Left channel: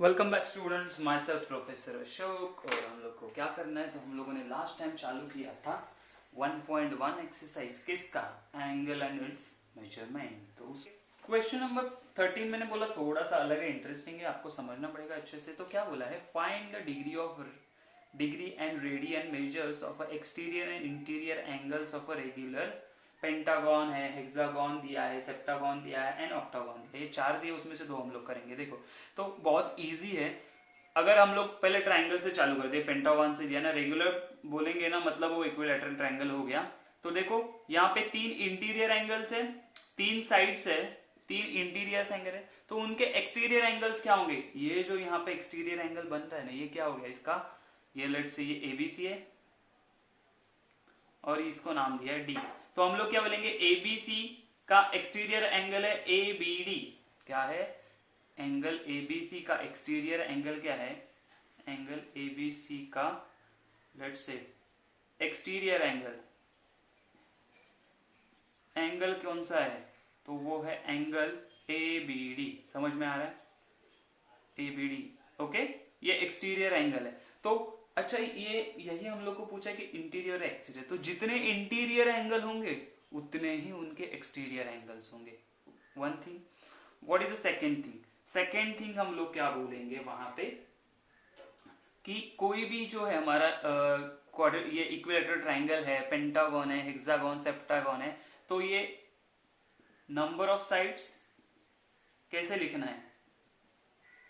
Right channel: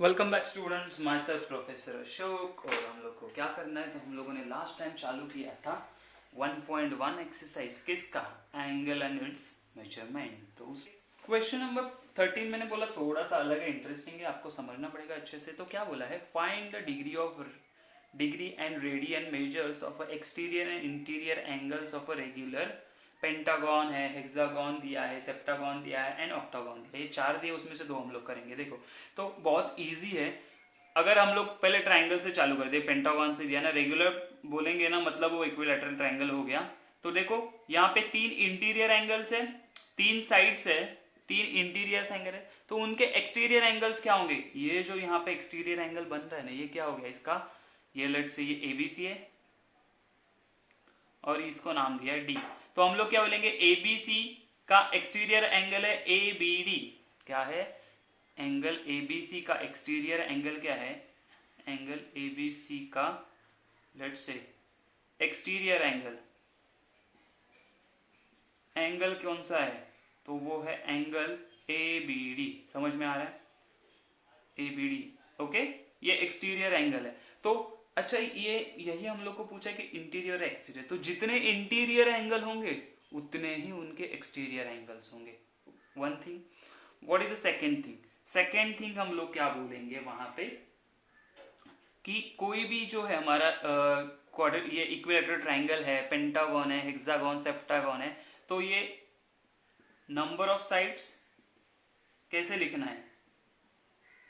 Welcome back students, my self professor Ashok. और हम लोग को क्या करना है, तो हम लोगों ने लास्ट टाइम चालू किया था 1.1 एक्सरसाइज किसका, एंगल एंड इट्स मेजरमेंट। तो क्वेश्चन नंबर 13 मैंने बोला थोड़ा सा अलग है, इंटरेस्टिंग है, आपको समझना पड़ेगा अच्छे से। तो क्या बोला है, find the degree and radian measures of exterior and interior angles of a regular pentagon है, हेक्सागन दिया है, सेप्टागन दिया है एंड ऑक्टागन दिया है। ये चार दिए, उसमें से दो हम लोग करेंगे। देखो तो बहुत इजी है। अगर हम लोग पहले ट्राइंगल से चालू कर दे, पेंटागन से दिया ना, रेगुलर बोलेंगे ना, मतलब वो इक्विलैटरल ट्राइंगल हो गया। तो देखो यहाँ पे तीन इंटीरियर एंगल्स है, तीन साइड्स है, तीन इंटीरियर एंगल है, तो उनके एक्सटीरियर एंगल्स क्या होंगे। ये जो यहाँ पे एक्सटीरियर एंगल बन रहा है ना, ये क्या हो गया इसका, ये लेट से ये एबीसी है और इसको नाम दिया है डी। तो हम लोग क्या बोलेंगे, एबीसी का एक्सटीरियर एंगल है एबीडी। क्या है, एंगल एबीसी का एक्सटीरियर एंगल क्या है, एंगल एबीसी का लेट्स से एक्सटीरियर एंगल कौन सा है, तो वो है एंगल एबीडी। समझ में आ रहा है, एबीडी। ओके, ये एक्सटीरियर एंगल है। तो अच्छा, ये यही हम लोग को पूछा है कि इंटीरियर और एक्सटीरियर, तो जितने इंटीरियर एंगल होंगे उतने ही उनके एक्सटीरियर एंगल्स होंगे। One thing. What is the second thing, second thing हम लोग क्या बोलेंगे वहां पे, कि कोई भी जो है हमारा ये इक्विलेटरल ट्राइंगल है, पेंटागन है, हेक्सागन, सेप्टागन है, तो ये नंबर ऑफ साइड्स कैसे लिखना है,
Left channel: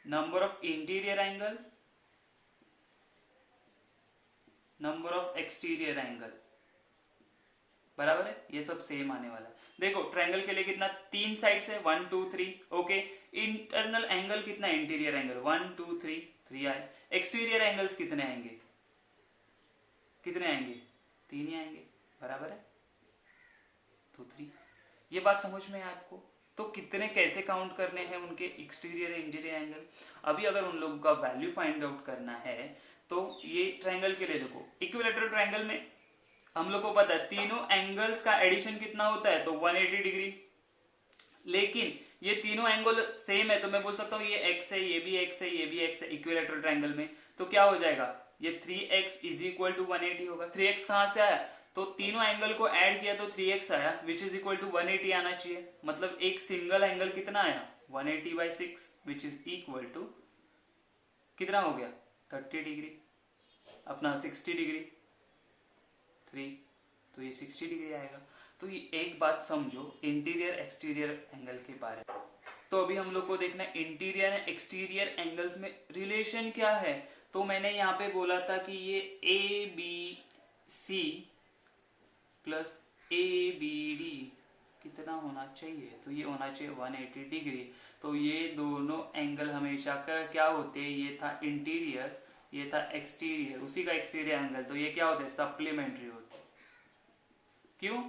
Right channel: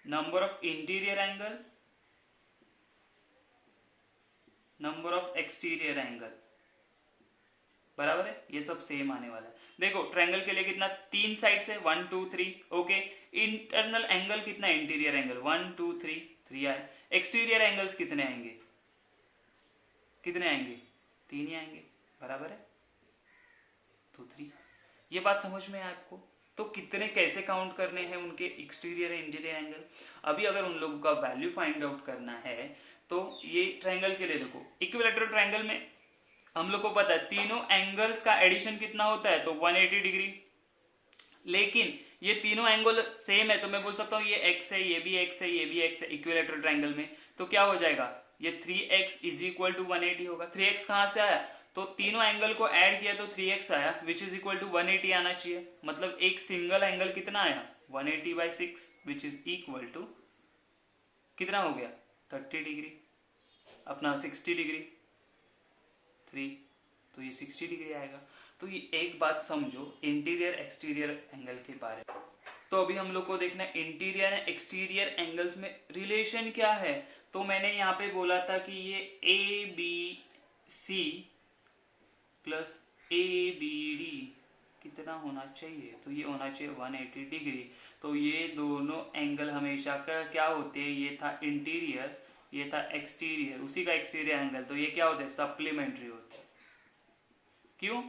number of interior angle, number of exterior angle, बराबर है, ये सब सेम आने वाला है। देखो ट्रायंगल के लिए कितना, तीन साइड्स है, 1 2 3। ओके, इंटरनल एंगल कितना, इंटीरियर एंगल 1 2 3, 3 आए। एक्सटीरियर एंगल्स कितने आएंगे, कितने आएंगे, तीन ही आएंगे, बराबर है, तो 3। ये बात समझ में है आपको। तो कितने कैसे काउंट करने हैं उनके एक्सटीरियर इंटीरियर एंगल। अभी अगर उन लोगों का वैल्यू फाइंड आउट करना है, तो ये ट्रायंगल के लिए देखो, इक्विलैटरल ट्रायंगल में हम लोग को पता है तीनों एंगल्स का एडिशन कितना होता है, तो 180 डिग्री। लेकिन ये तीनों एंगल सेम है, तो मैं बोल सकता हूँ ये x है, ये भी x है, ये भी x है इक्विलैटरल ट्रायंगल में। तो क्या हो जाएगा, ये 3x इज इक्वल टू 180 होगा। 3x कहां से आया, तो तीनों एंगल को ऐड किया तो 3x आया, विच इज इक्वल टू 180 आना चाहिए। मतलब एक सिंगल एंगल कितना आया, 180/6, विच इज इक्वल टू कितना हो गया, 30 डिग्री, अपना 60 डिग्री 3, तो ये 60 डिग्री आएगा। तो ये एक बात समझो इंटीरियर एक्सटीरियर एंगल के बारे में। तो अभी हम लोग को देखना है इंटीरियर एंड एक्सटीरियर एंगल्स में रिलेशन क्या है। तो मैंने यहाँ पे बोला था कि ये A B C plus A B D कितना होना चाहिए, तो ये होना चाहिए 180 डिग्री। तो ये दोनों एंगल हमेशा का क्या होते हैं, ये था इंटीरियर, ये था एक्सटीरियर, उसी का एक्सटीरियर एंगल, तो ये क्या होते हैं, सप्लीमेंट्री होते हैं। क्यों,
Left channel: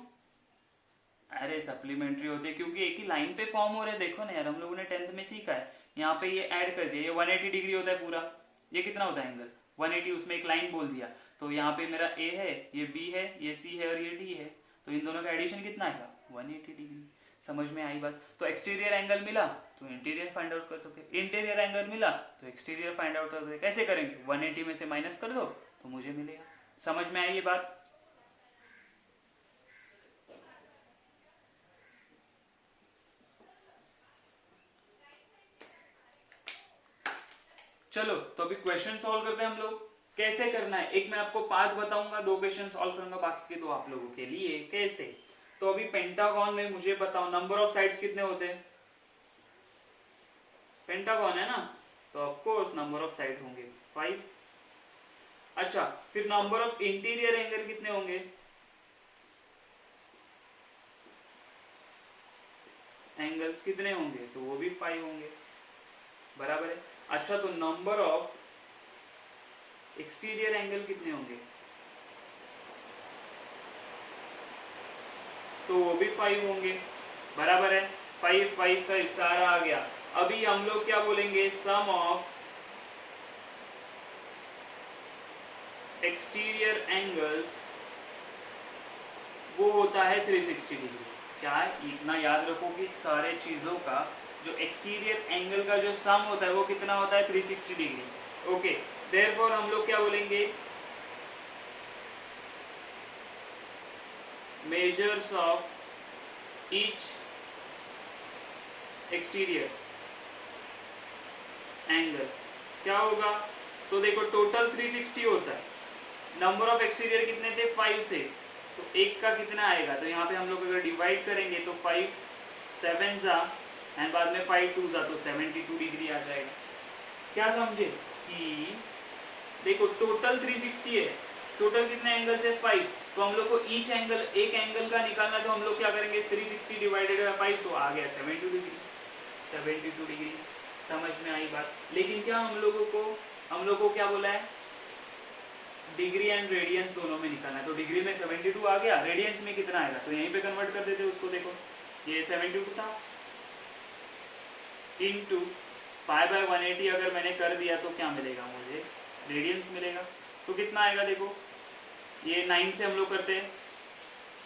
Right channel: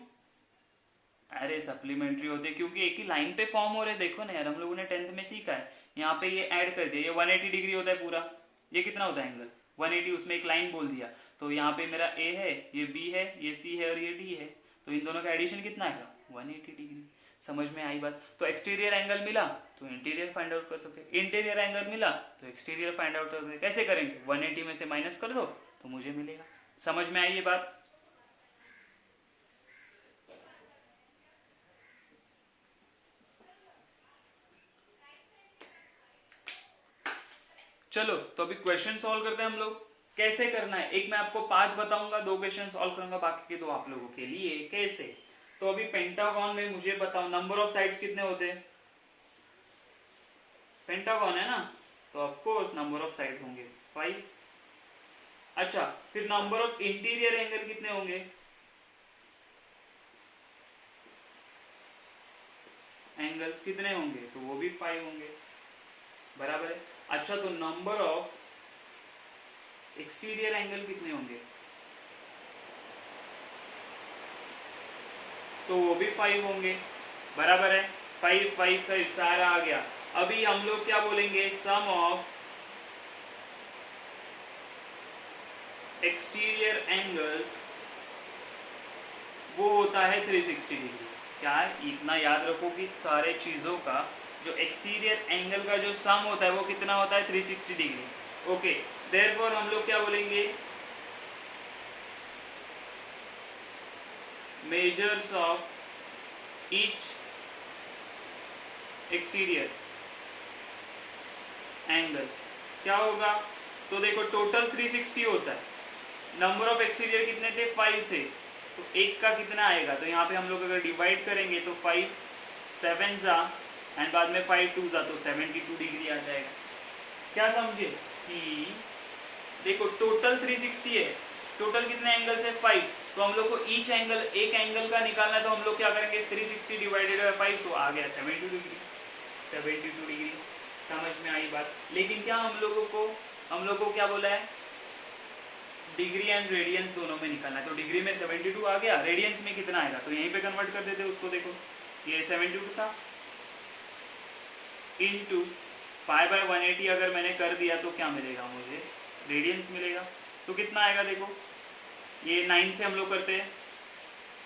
अरे सप्लीमेंट्री होते क्योंकि एक ही लाइन पे फॉर्म हो रहे। देखो ना यार, हम लोगों ने 10th में सीखा है, यहाँ पे ये ऐड कर दिया, ये 180 डिग्री होता है पूरा। ये कितना होता है एंगल 180, उसमें एक लाइन बोल दिया, तो यहाँ पे मेरा ए है, ये बी है, ये सी है और ये डी है, तो इन दोनों का एडिशन कितना आएगा, 180 डिग्री। समझ में आई बात। तो एक्सटीरियर एंगल मिला तो इंटीरियर फाइंड आउट कर सकते, इंटीरियर एंगल मिला तो एक्सटीरियर फाइंड आउट कर सकते। कैसे करेंगे, 180 में से माइनस कर दो तो मुझे मिलेगा। समझ में आई ये बात। चलो तो अभी क्वेश्चन सॉल्व करते हैं हम लोग। कैसे करना है, एक मैं आपको पांच बताऊंगा, दो क्वेश्चन सॉल्व करूंगा, बाकी के दो आप लोगों के लिए। कैसे, तो अभी पेंटागन में मुझे बताओ नंबर ऑफ साइड्स कितने होते हैं, पेंटागन है ना, तो of course number of side होंगे 5। अच्छा, फिर नंबर ऑफ इंटीरियर एंगल कितने होंगे, एंगल्स कितने होंगे, तो वो भी 5 होंगे, बराबर है। अच्छा, तो नंबर ऑफ एक्सटीरियर एंगल कितने होंगे, तो वो भी 5 होंगे, बराबर है। 5 5 5 सारा आ गया। अभी हम लोग क्या बोलेंगे, सम ऑफ एक्सटीरियर एंगल्स वो होता है 360 डिग्री। क्या है, इतना याद रखो कि सारे चीजों का जो एक्सटीरियर एंगल का जो सम होता है वो कितना होता है 360 डिग्री। ओके, देयरफॉर हम लोग क्या बोलेंगे, measures of each exterior angle क्या होगा, तो देखो टोटल 360 होता है, नंबर ऑफ एक्सटीरियर कितने थे 5 थे, तो एक का कितना आएगा, तो यहाँ पे हम लोग अगर डिवाइड करेंगे तो 5 7 जा एंड बाद में 5 2 जा तो 72 डिग्री आ जाएगा। क्या समझे कि देखो टोटल 360 है, टोटल कितने एंगल्स है 5, तो हम लोग को ईच एंगल एक एंगल का निकालना है, तो हम लोग क्या करेंगे 360 डिवाइडेड बाय 5 तो आ गया 72 डिग्री। 72 डिग्री समझ में आई बात। लेकिन क्या हम लोगों को क्या बोला है, डिग्री एंड रेडियंस दोनों में निकालना है, तो डिग्री में 72 आ गया, रेडियंस में कितना आएगा, तो यहीं पे कन्वर्ट कर देते उसको। देखो ये 72 था इनटू पाई बाय 180 अगर मैंने कर दिया तो क्या मिलेगा मुझे, रेडियंस मिलेगा। तो कितना आएगा देखो, ये 9 से हम लोग करते हैं,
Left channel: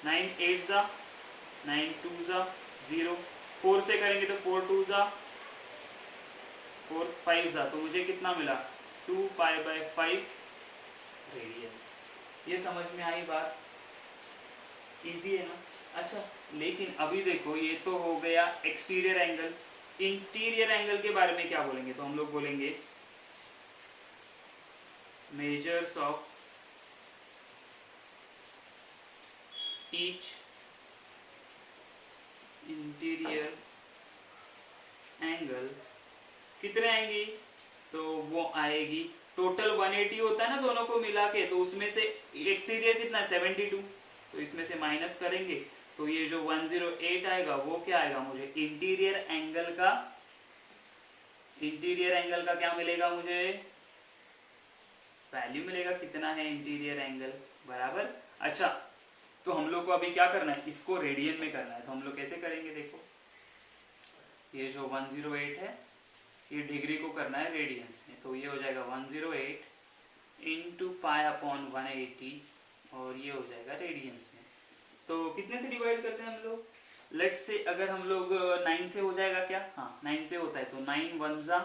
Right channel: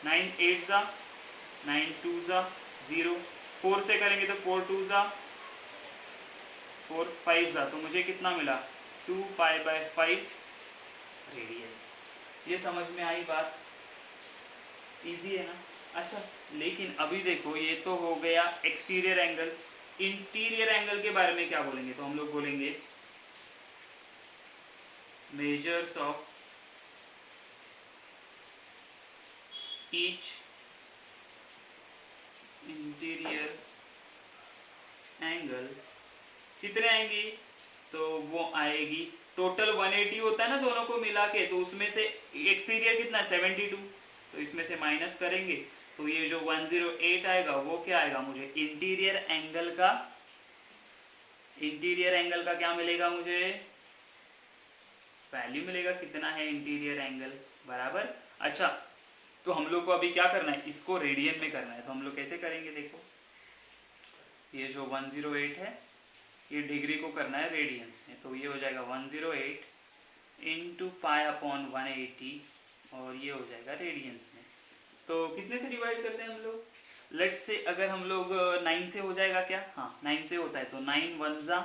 9 8 जा 9 2 जा 0, 4 से करेंगे तो 4 2 जा 4 5 जा, तो मुझे कितना मिला 2 पाई बाय 5 रेडियंस। ये समझ में आई बात, इजी है ना। अच्छा लेकिन अभी देखो ये तो हो गया एक्सटीरियर एंगल, इंटीरियर एंगल के बारे में क्या बोलेंगे, तो हम लोग बोलेंगे measures of each interior angle कितने आएंगी, तो वो आएगी टोटल 180 होता है ना दोनों को मिला के, तो उसमें से एक्सटीरियर कितना 72, तो इसमें से माइनस करेंगे तो ये जो 108 आएगा वो क्या आएगा मुझे इंटीरियर एंगल का क्या मिलेगा, मुझे वैल्यू मिलेगा कितना है इंटीरियर एंगल बराबर। अच्छा तो हम लोग को अभी क्या करना है, इसको रेडियन में करना है, तो हम लोग कैसे करेंगे, देखो ये जो 108 है ये डिग्री को करना है रेडियंस में, तो ये हो जाएगा 108 इंटू पाई अपॉन 180 और ये हो जाएगा रेडियंस में। तो कितने से डिवाइड करते हैं हम लोग, लेट्स से अगर हम लोग 9 से हो जाएगा क्या, हाँ 9 से होता है, तो 9 1 जा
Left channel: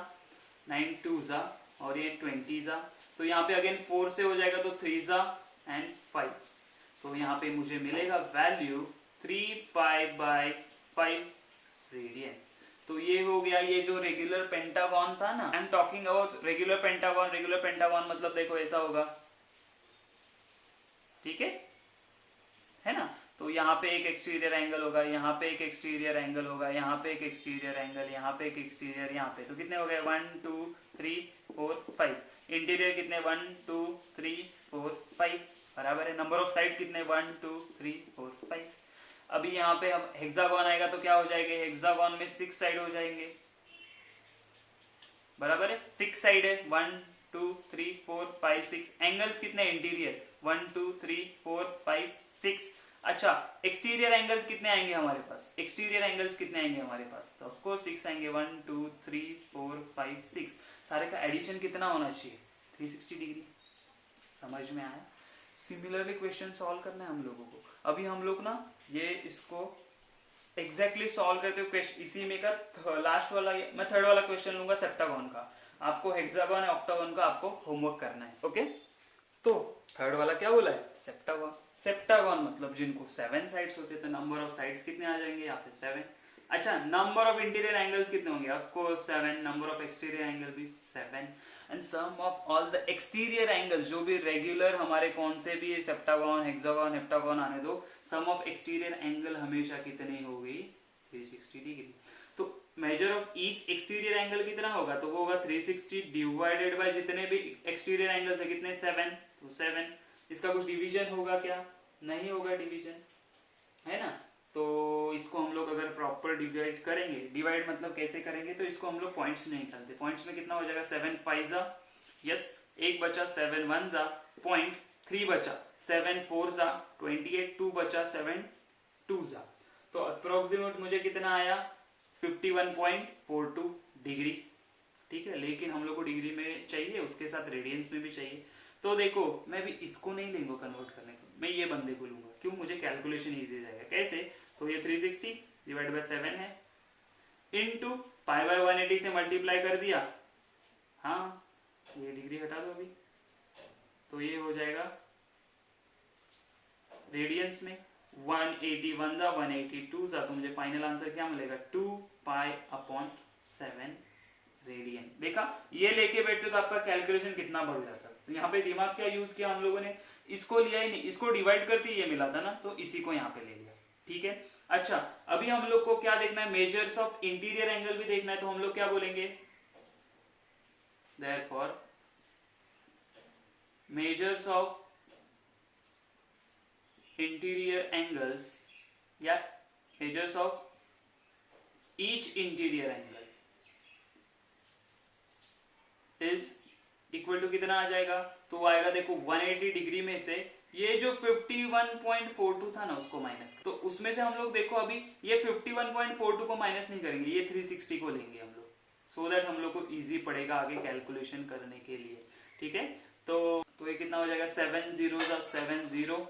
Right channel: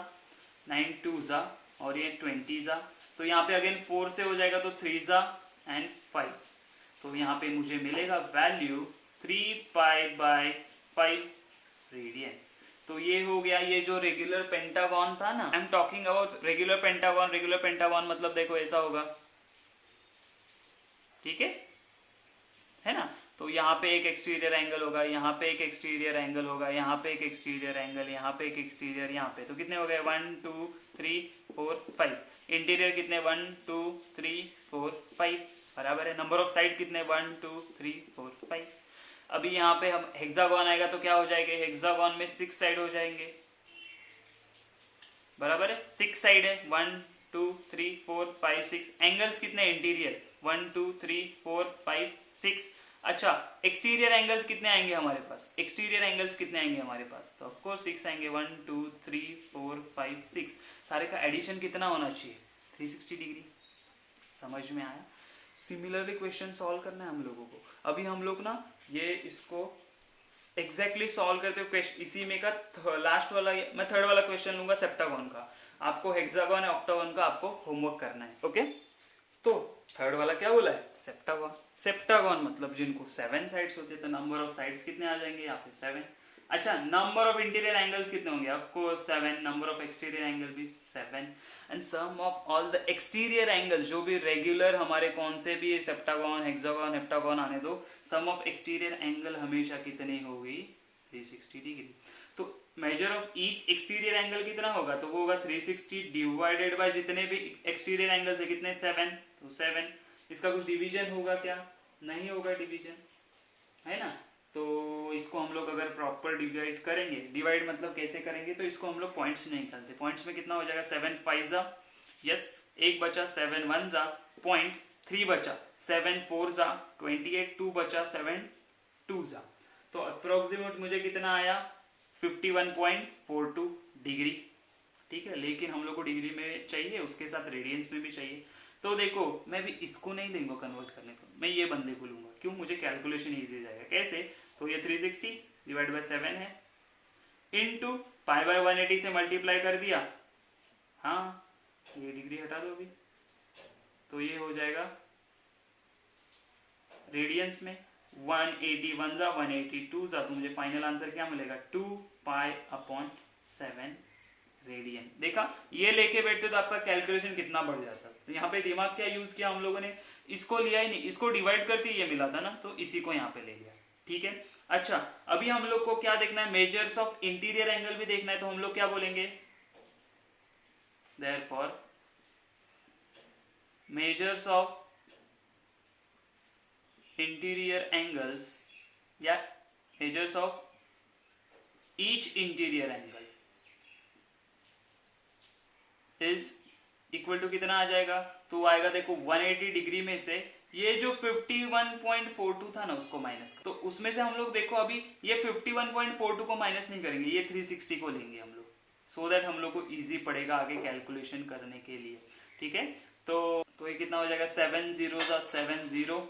9 2 जा और ये 20 जा, तो यहाँ पे अगेन 4 से हो जाएगा तो 3 जा एंड 5, तो यहाँ पे मुझे मिलेगा वैल्यू 3 पाई बाय 5 रेडियन। तो ये हो गया ये जो रेगुलर पेंटागन था ना, I am talking about regular pentagon मतलब देखो ऐसा होगा, ठीक है ना, तो यहाँ पे एक एक्सटीरियर एंगल होगा, यहाँ पे एक एक्सटीरियर एंगल होगा, यहाँ पे एक एक्सटीरियर एंगल, यहाँ पे एक एक्सटीरियर, यहाँ पे, तो कितने हो गए 1 2 3 4 5, इंटीरियर कितने 1 2 3 4 5 बराबर है, नंबर ऑफ साइड कितने 1 2 3 4 5। अभी यहाँ पे अब हेक्सागोन आएगा तो क्या हो जाएगा, हेक्सागोन में 6 साइड हो जाएंगे बराबर है, 6 साइड है 1 2 3 4 5 6, एंगल्स कितने इंटीरियर 1 2 3 4 5 6। अच्छा एक्सटीरियर एंगल्स कितने आएंगे हमारे पास, एक्सटीरियर एंगल्स कितने आएंगे हमारे पास, तो ऑफ कोर्स 6 आएंगे 1 2 3 4 5 6, सारे का एडिशन कितना होना चाहिए 360 डिग्री। समझ में आया। सिमिलरली क्वेश्चन सॉल्व करना है हम लोगों को। अभी हम लोग ना ये इसको एग्जैक्टली सॉल्व करते हुए इसी में का लास्ट वाला मैं थर्ड वाला क्वेश्चन लूंगा सेप्टागन का, आपको हेक्सागन और ऑक्टागन का आपको होमवर्क करना है। ओके तो थर्ड वाला क्या बोला है सेप्टागन, सेप्टागन मतलब जिनको 7 साइड्स होते हैं, तो नंबर ऑफ साइड्स कितने आ जाएंगे यहाँ पे 7। अच्छा नंबर ऑफ इंटीरियर एंगल्स कितने होंगे, आपको 7, नंबर ऑफ एक्सटीरियर एंगल भी 7 and sum of all the exterior angles जो भी रेगुलर हमारे कौन से भी सेप्टागन हेक्सागन हेप्टागन आने दो, सम ऑफ एक्सटीरियर एंगल हमेशा कितनी होगी 360 डिग्री। तो measure of each exterior angle कितना होगा, तो वो होगा 360 डिवाइडेड बाय जितने भी एक्सटीरियर एंगल्स है कितने 7, तो 7। इसका कुछ डिवीजन होगा क्या, नहीं होगा डिवीजन, है ना। तो इसको हम लोग अगर प्रॉपर डिवाइड करेंगे, डिवाइड मतलब कैसे करेंगे, तो इसको हम लोग पॉइंट्स नहीं निकालते, पॉइंट्स में कितना हो जाएगा 7 5 जा यस, एक बचा 7 1 जा पॉइंट, 3 बचा 7 4 जा 28, 2 बचा 7 2 जा, तो अप्रोक्सीमेट मुझे कितना आया 51.42 डिग्री। ठीक है, लेकिन हम लोग को डिग्री में चाहिए, उसके साथ रेडियंस में भी चाहिए। तो देखो मैं भी इसको नहीं लूंगा कन्वर्ट करने को, मैं ये बंदे को लूंगा, क्यों, मुझे कैलकुलेशन इजी जाएगा। कैसे, तो ये 360 डिवाइड बाय 7 है इनटू पाई बाय 180 से मल्टीप्लाई कर दिया, हाँ ये डिग्री हटा दो अभी, तो ये हो जाएगा रेडियंस में 180 वन जा 180 टू जा, तो मुझे फाइनल आंसर क्या मिलेगा 2 पाई अपॉन 7 रेडियन। देखा, ये लेके बैठते तो आपका कैलकुलेशन कितना बढ़ जाता। तो यहाँ पे दिमाग क्या यूज किया हम लोगों ने, इसको लिया ही नहीं, इसको डिवाइड करके ये मिला था ना, तो इसी को यहाँ पे ले लिया। ठीक है, अच्छा अभी हम लोग को क्या देखना है, मेजर्स ऑफ इंटीरियर एंगल भी देखना है, तो हम लोग क्या बोलेंगे, therefore measures of interior angles या measures of each interior angle is equal to कितना आ जाएगा, तो आएगा देखो 180 डिग्री में से ये जो 51.42 था ना उसको माइनस, तो उसमें से हम लोग देखो अभी ये 51.42 को माइनस नहीं करेंगे, ये 360 को लेंगे हम लोग, सो दैट हम लोग को इजी पड़ेगा आगे कैलकुलेशन करने के लिए। ठीक है, तो ये कितना हो जाएगा 7 0 जा 7 0,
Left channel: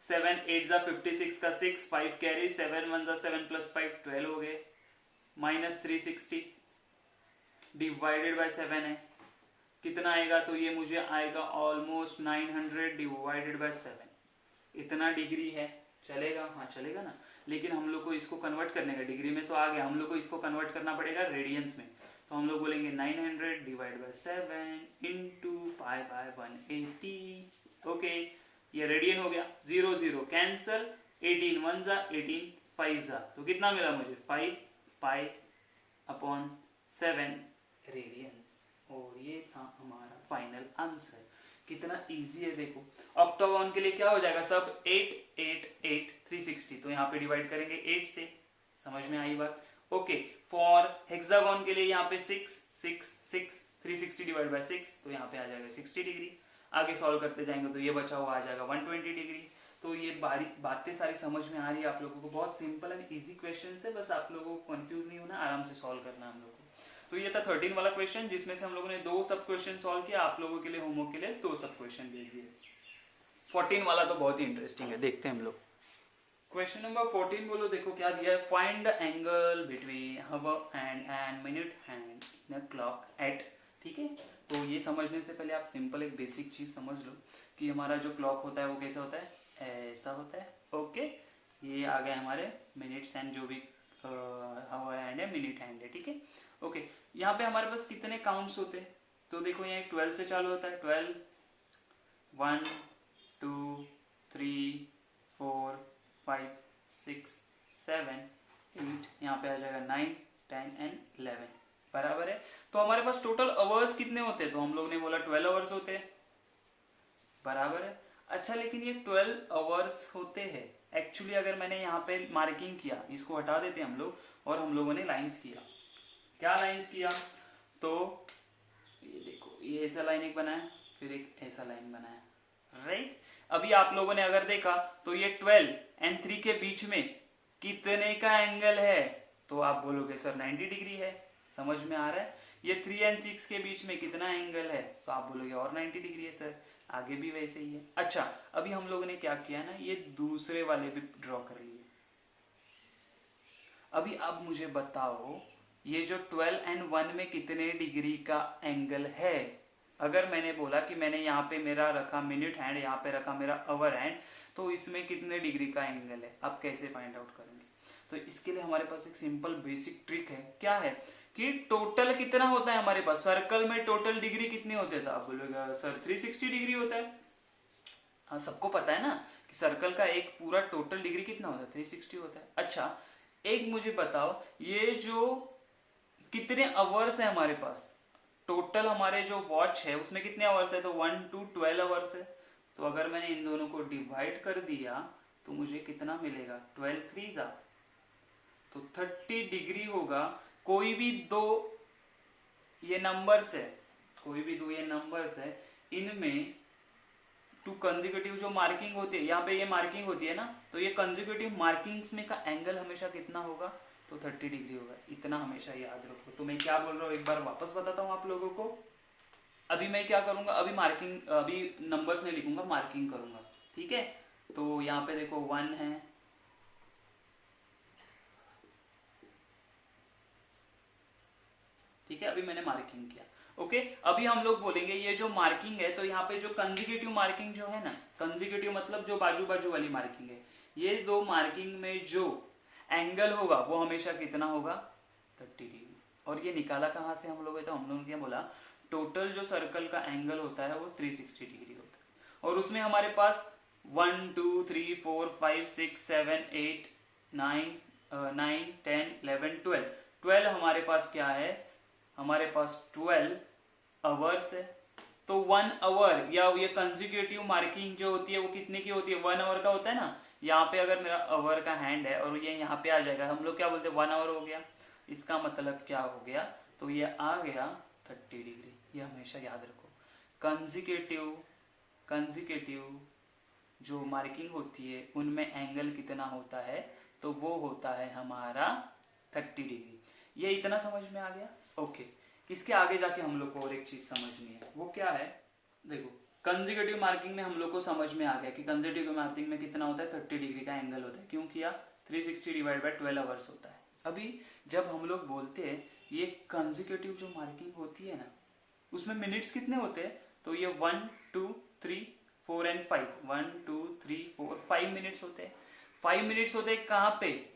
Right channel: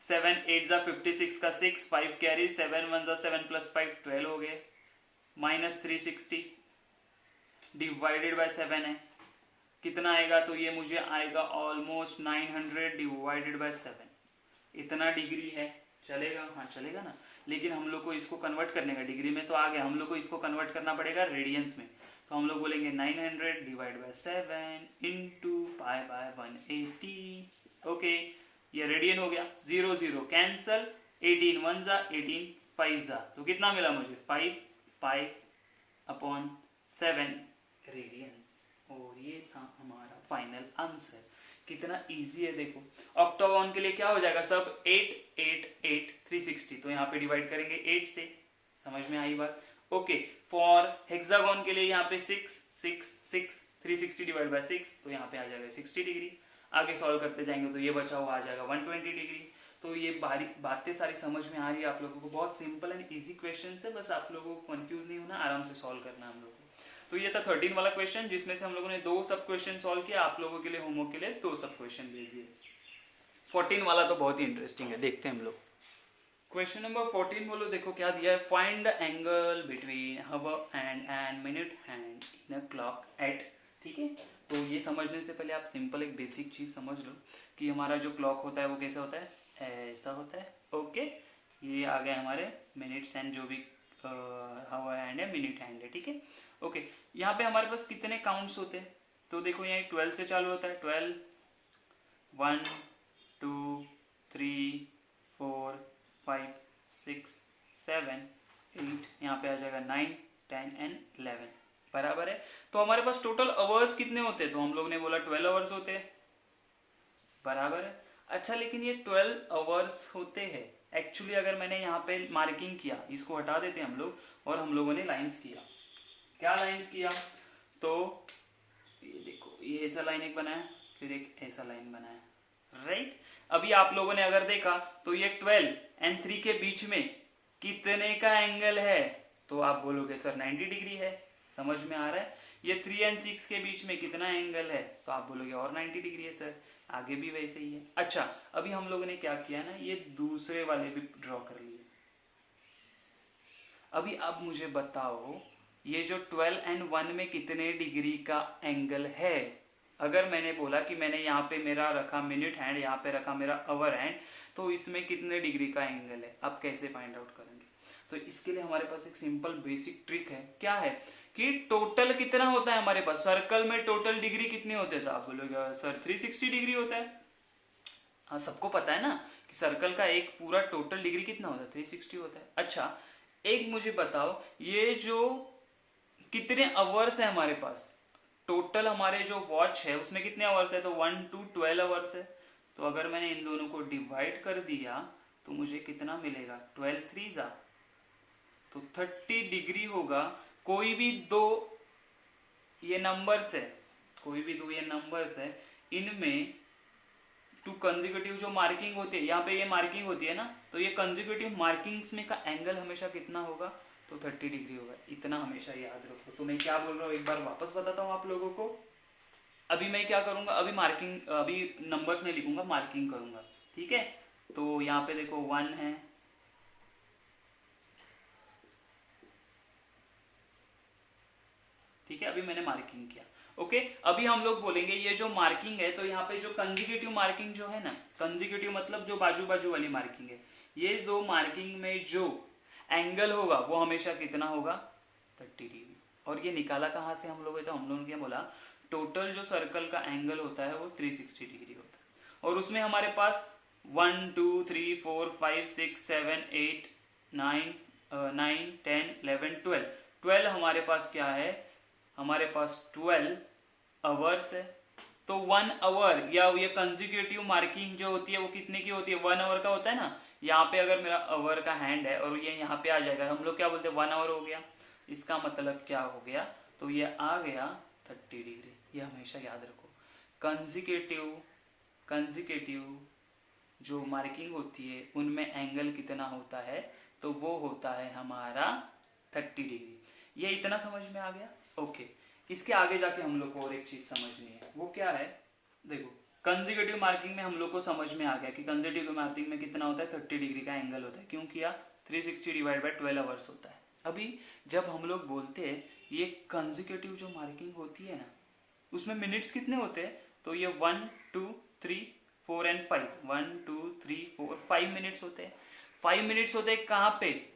7 8 जा 56 का 6, 5 कैरी, 7 1 जा 7 प्लस 5 12 हो गए, माइनस 360 डिवाइडेड बाय 7 है, कितना आएगा, तो ये मुझे आएगा ऑलमोस्ट 900 डिवाइडेड बाय 7, इतना डिग्री है, चलेगा, हाँ चलेगा ना, लेकिन हम लोग को इसको कन्वर्ट करने का, डिग्री में तो आ गया, हम लोग को इसको कन्वर्ट करना पड़ेगा रेडियंस में, तो हम लोग बोलेंगे 900 divide by 7 into pi by 180। Okay, ये रेडियन हो गया, 0 0 कैंसल, 18 1 जा 18 5 जा, तो कितना मिला मुझे 5 पाई अपॉन 7 रेडियंस, और ये था हमारा फाइनल आंसर। कितना इजी है देखो। ऑक्टागोन के लिए क्या हो जाएगा सब 8 8 8 360, तो यहाँ पे डिवाइड करेंगे 8 से, समझ में आई बात। ओके, फॉर हेक्सागोन के लिए यहाँ पे 6 6 6 360 डिवाइड बाय 6, तो यहाँ पे आ जाएगा 60 डिग्री। आगे सॉल्व करते जाएंगे तो ये बचा हुआ आ जाएगा 120 डिग्री। तो ये बातें सारी समझ में आ रही है आप लोगों को, बहुत सिंपल एंड इजी क्वेश्चन है, बस आप लोगों को कंफ्यूज नहीं होना, आराम से सॉल्व करना हम लोग को। तो ये था 13 वाला क्वेश्चन, जिसमें से हम लोगों ने 2 सब क्वेश्चन सॉल्व किया, आप लोगों के लिए होमवर्क के लिए 2 सब क्वेश्चन दे दिए। 14 वाला तो बहुत ही इंटरेस्टिंग है, देखते हैं हम लोग। क्वेश्चन नंबर 14 बोलो, देखो क्या दिया है, find the angle between hour hand and minute hand in a clock eight. ठीक है, तो ये समझने से पहले आप सिंपल एक बेसिक चीज समझ लो कि हमारा जो क्लॉक होता है वो कैसा होता है, ऐसा होता है। ओके, ये आ गए हमारे मिनट्स एंड जो भी हावर हैंड है, मिनट हैंड है। ठीक है, ओके, यहाँ पे हमारे पास कितने काउंट्स होते हैं, तो देखो यहाँ 12 से चालू होता है, 12 1 2 3 4 5 6 7 8, यहाँ पे आ जाएगा 9 10 एंड 11, बराबर है। तो हमारे पास टोटल आवर्स कितने होते हैं, तो हम लोग ने बोला 12 आवर्स होते हैं, बराबर है। अच्छा, लेकिन ये 12 आवर्स होते हैं एक्चुअली, अगर मैंने यहाँ पे मार्किंग किया, इसको हटा देते हम लोग, और हम लोगों ने लाइंस किया, क्या लाइंस किया, तो ये देखो, ये ऐसा लाइन एक बनाया, फिर एक ऐसा लाइन बनाया, राइट। अभी आप लोगों ने अगर देखा तो ये 12 एंड 3 के बीच में कितने का एंगल है, तो आप बोलोगे सर 90 डिग्री है, समझ में आ रहा है। ये 3 एंड 6 के बीच में कितना एंगल है, तो आप बोलोगे और 90 डिग्री है सर, आगे भी वैसे ही है। अच्छा, अभी हम लोगों ने क्या किया ना, ये दूसरे वाले भी ड्रॉ कर लिए। अभी अब मुझे बताओ, ये जो 12 एंड 1 में कितने डिग्री का एंगल है। अगर मैंने बोला कि मैंने यहाँ पे मेरा रखा मिनट हैंड, यहाँ पे रखा मेरा आवर हैंड, तो इसमें कितने डिग्री का एंगल है, आप कैसे फाइंड आउट करेंगे। तो इसके लिए हमारे पास एक सिंपल बेसिक ट्रिक है, क्या है कि टोटल कितना होता है हमारे पास, सर्कल में टोटल डिग्री कितनी होते हैं, तो आप बोलोगे सर 360 डिग्री होता है। हाँ, सबको पता है ना कि सर्कल का एक पूरा टोटल डिग्री कितना होता है, 360 होता है। अच्छा, एक मुझे बताओ, ये जो कितने आवर्स है हमारे पास, टोटल हमारे जो वॉच है उसमें कितने आवर्स है, तो 1 to 12 आवर्स है। तो अगर मैंने इन दोनों को डिवाइड कर दिया तो मुझे कितना मिलेगा, 12 3 जा, तो 30 डिग्री होगा। कोई भी दो ये नंबर्स है, कोई भी दो ये नंबर्स है, इनमें टू कंसेक्यूटिव जो मार्किंग होती है, यहाँ पे ये मार्किंग होती है ना, तो ये कंसेक्यूटिव मार्किंग्स में का एंगल हमेशा कितना होगा, तो 30 डिग्री होगा। इतना हमेशा याद रखो। तो मैं क्या बोल रहा हूँ एक बार वापस बताता हूँ आप लोगों को। अभी मैं क्या करूंगा, अभी मार्किंग, अभी नंबर्स में लिखूंगा, मार्किंग करूंगा, ठीक है। तो यहाँ पे देखो 1 है, अभी मैंने मार्किंग किया। ओके, अभी हम लोग बोलेंगे ये जो मार्किंग है, तो यहाँ पे जो कंजिक्यूटिव मार्किंग जो है ना, कंजिक्यूटिव मतलब जो बाजू बाजू वाली मार्किंग है, ये दो मार्किंग में जो एंगल होगा वो हमेशा कितना होगा, 30 डिग्री। और ये निकाला कहाँ से हम लोगों ने, तो हम लोगों ने क्या बोला, टोटल जो सर्कल का एंगल होता है वो 360 डिग्री होता है। और उसमें हमारे पास 1 2 3 4 5 6 7 8 9 10 11 12 हमारे पास क्या है, हमारे पास 12 आवर्स है। तो 1 आवर या ये कंजिक्यूटिव मार्किंग जो होती है वो कितने की होती है, 1 आवर का होता है ना। यहाँ पे अगर मेरा आवर का हैंड है और ये यहाँ पे आ जाएगा, हम लोग क्या बोलते हैं, 1 आवर हो गया। इसका मतलब क्या हो गया, तो ये आ गया 30 डिग्री। ये हमेशा याद रखो, कंजिक्यूटिव जो मार्किंग होती है उनमें एंगल कितना होता है, तो वो होता है हमारा 30 डिग्री। ये इतना समझ में आ गया। ओके, इसके आगे जाके हम लोग को और एक चीज समझनी है, वो क्या है, देखो कंजिक्यूटिव मार्किंग में हम लोग को समझ में आ गया कि कंजिक्यूटिव मार्किंग में कितना होता है, 30 डिग्री का एंगल होता है। क्यों किया, 360 डिवाइड बाय 12 आवर्स होता है। अभी जब हम लोग बोलते हैं ये कंजिक्यूटिव जो मार्किंग होती है ना, उसमें मिनट्स कितने होते हैं, तो ये 1 2 3 4 एंड 5, 1 2 3 4 5 मिनट्स होते हैं। 5 मिनट्स होते हैं कहाँ पे,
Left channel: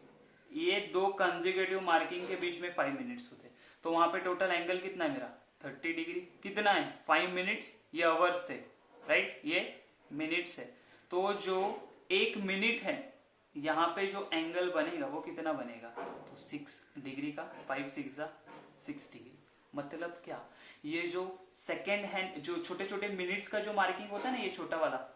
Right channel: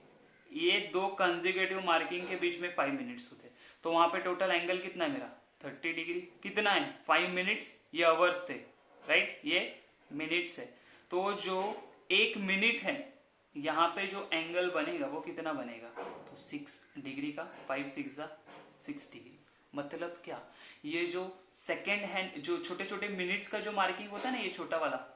ये दो कंजिक्यूटिव मार्किंग के बीच में 5 मिनट्स होते हैं। तो वहां पे टोटल एंगल कितना है मेरा, 30 डिग्री। कितना है, 5 मिनट्स, ये आवर्स थे, राइट, ये मिनट्स है। तो जो 1 मिनट है, यहाँ पे जो एंगल बनेगा वो कितना बनेगा, तो 6 डिग्री का, 5 6 6 डिग्री। मतलब क्या, ये जो सेकेंड हैंड जो छोटे छोटे मिनट्स का जो मार्किंग होता है ना, ये छोटा वाला,